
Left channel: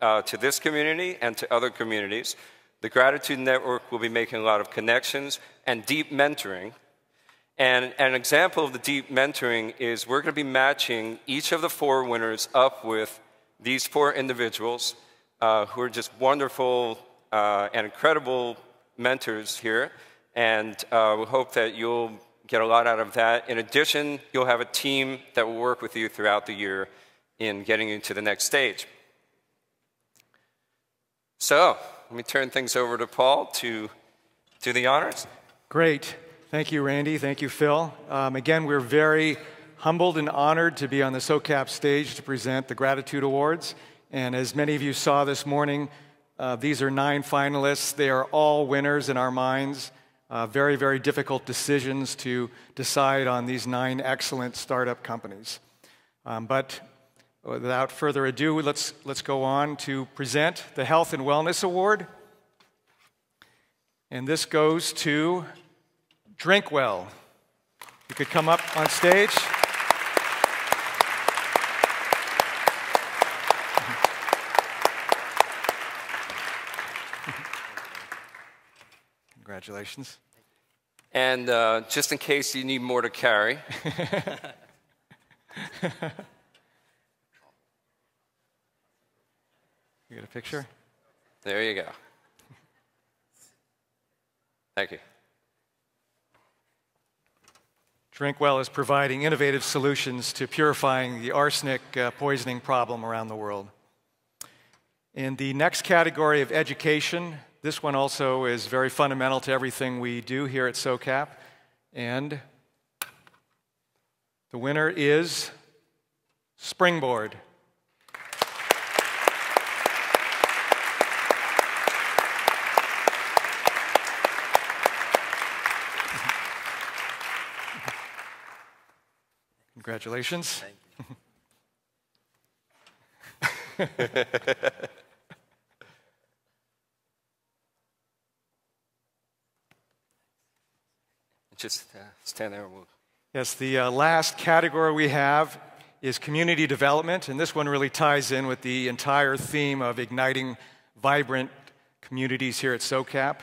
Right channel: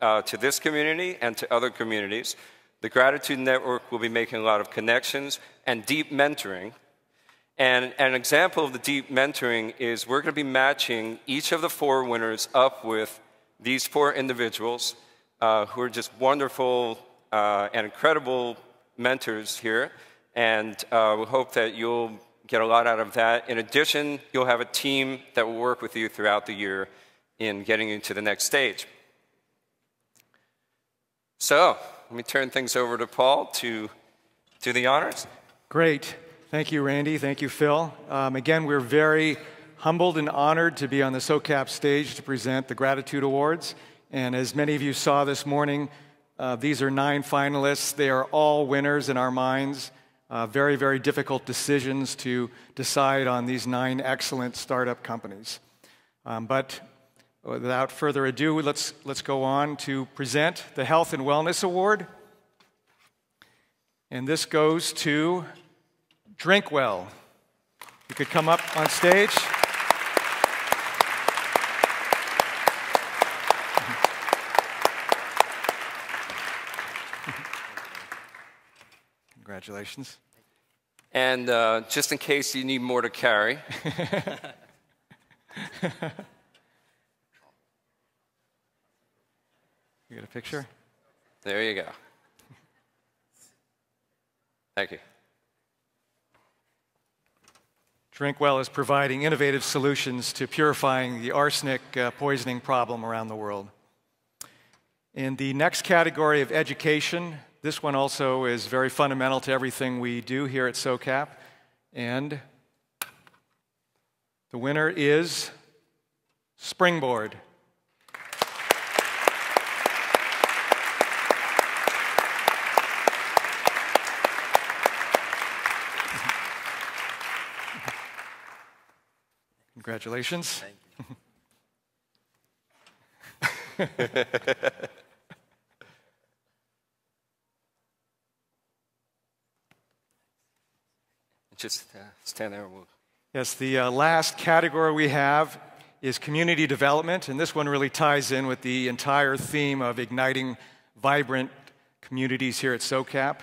to this community and to other communities. The Gratitude Network will be making a lot of connections and deep mentoring. And an example of the deep mentoring is we're going to be matching each of the 4 winners up with these 4 individuals who are just wonderful and incredible mentors here. And we hope that you'll get a lot out of that. In addition, you'll have a team that will work with you throughout the year in getting you to the next stage. So, let me turn things over to Paul to do the honors. Great. Thank you, Randy. Thank you, Phil. Again, we're very humbled and honored to be on the SOCAP stage to present the Gratitude Awards. And as many of you saw this morning, these are 9 finalists. They are all winners in our minds. Very, very difficult decisions to decide on these 9 excellent startup companies. But without further ado, let's go on to present the Health and Wellness Award. And this goes to Drinkwell. You could come up on stage. Congratulations. And just in case you need more to carry. You get a picture? There you go. Thank you. Drinkwell is providing innovative solutions to purifying the arsenic poisoning problem around the world. In the next category of education, this one also is very fundamental to everything we do here at SOCAP. And the winner is Springboard. Congratulations. Thank you. Just stand there. Yes, the last category we have is community development, and this one really ties in with the entire theme of igniting vibrant communities here at SOCAP.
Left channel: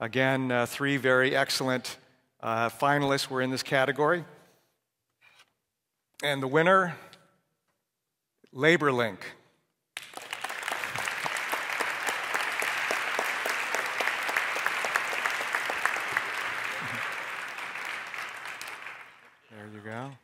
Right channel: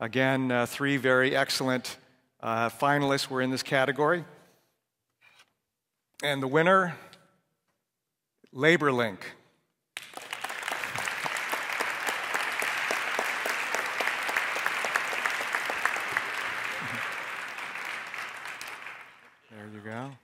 Again, 3 very excellent finalists were in this category. And the winner, LaborLink. There you go.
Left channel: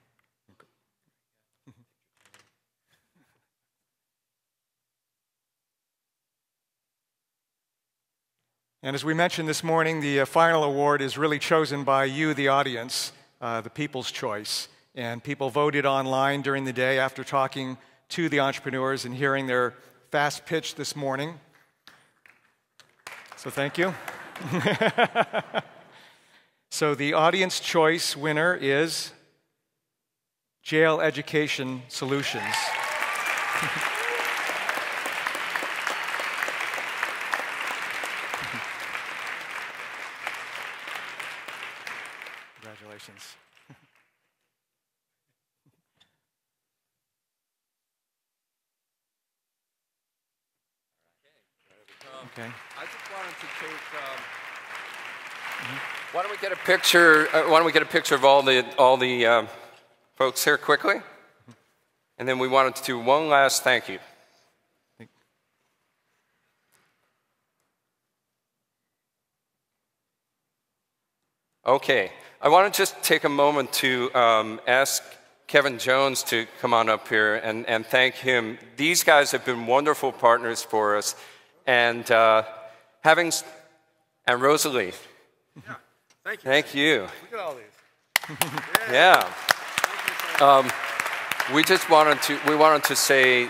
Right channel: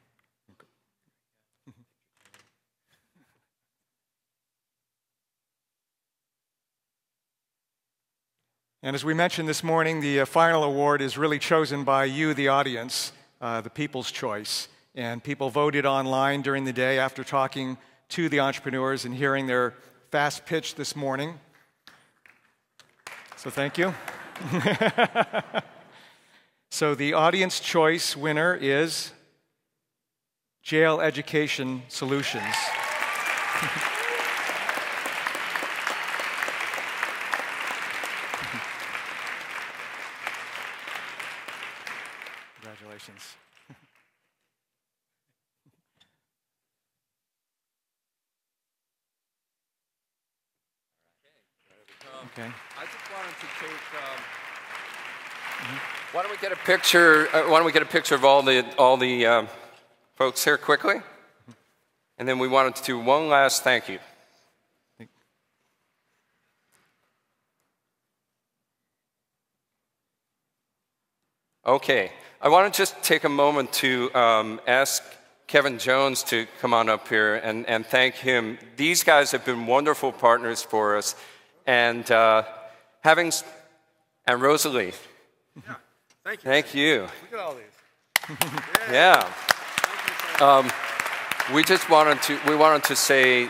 And as we mentioned this morning, the final award is really chosen by you, the audience, the people's choice. And people voted online during the day after talking to the entrepreneurs and hearing their fast pitch this morning. So thank you. So the audience choice winner is Jail Education Solutions. Congratulations. Okay. I just wanted to take. Why don't we get a picture? Why don't we get a picture of all the folks here quickly, and then we wanted to do one last thank you. Okay, I want to just take a moment to ask Kevin Jones to come on up here and thank him. These guys have been wonderful partners for us. And and Rosalie. Yeah, thank you. Thank you. Look at all these. Yeah. We wanted to say,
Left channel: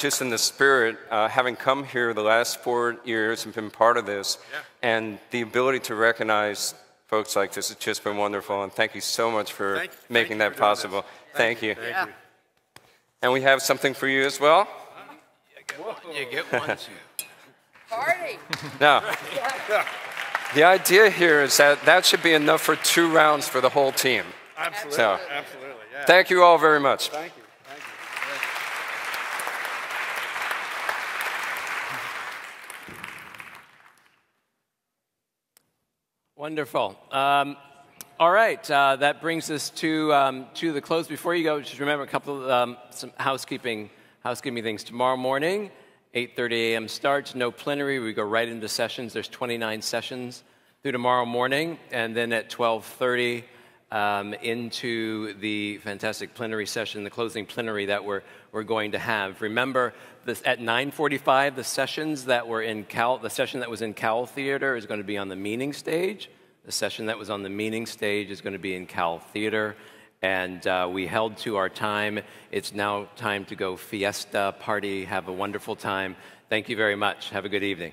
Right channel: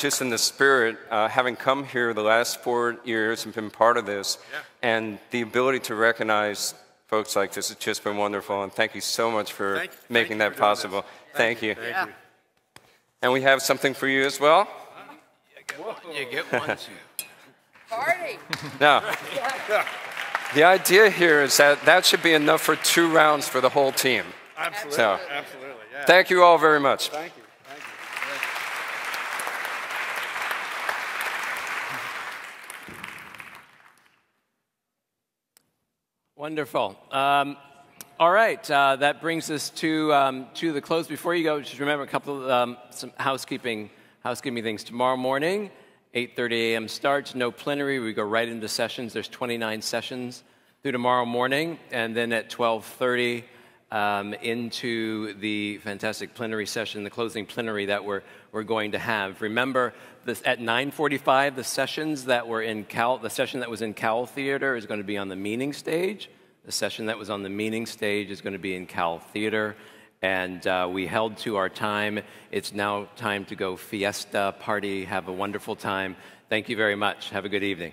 just in the spirit, having come here the last 4 years and been part of this, and the ability to recognize folks like this has just been wonderful. And thank you so much for making that possible. Thank you. Thank you. And we have something for you as well. You get one. Party! No. The idea here is that that should be enough for 2 rounds for the whole team. Absolutely. So, Absolutely. Yeah. thank you all very much. Thank you. Thank you. Wonderful. All right, that brings us to the close. Before you go, just remember a couple of some housekeeping things. Tomorrow morning, 8:30 a.m. starts. No plenary. We go right into sessions. There's 29 sessions through tomorrow morning, and then at 12:30 into the fantastic plenary session, the closing plenary that we're going to have. Remember, at 9:45, the session that was in Cowell Theater is going to be on the meeting stage. The session that was on the meeting stage is going to be in Cowell Theater. And we held to our time. It's now time to go fiesta, party, have a wonderful time. Thank you very much. Have a good evening.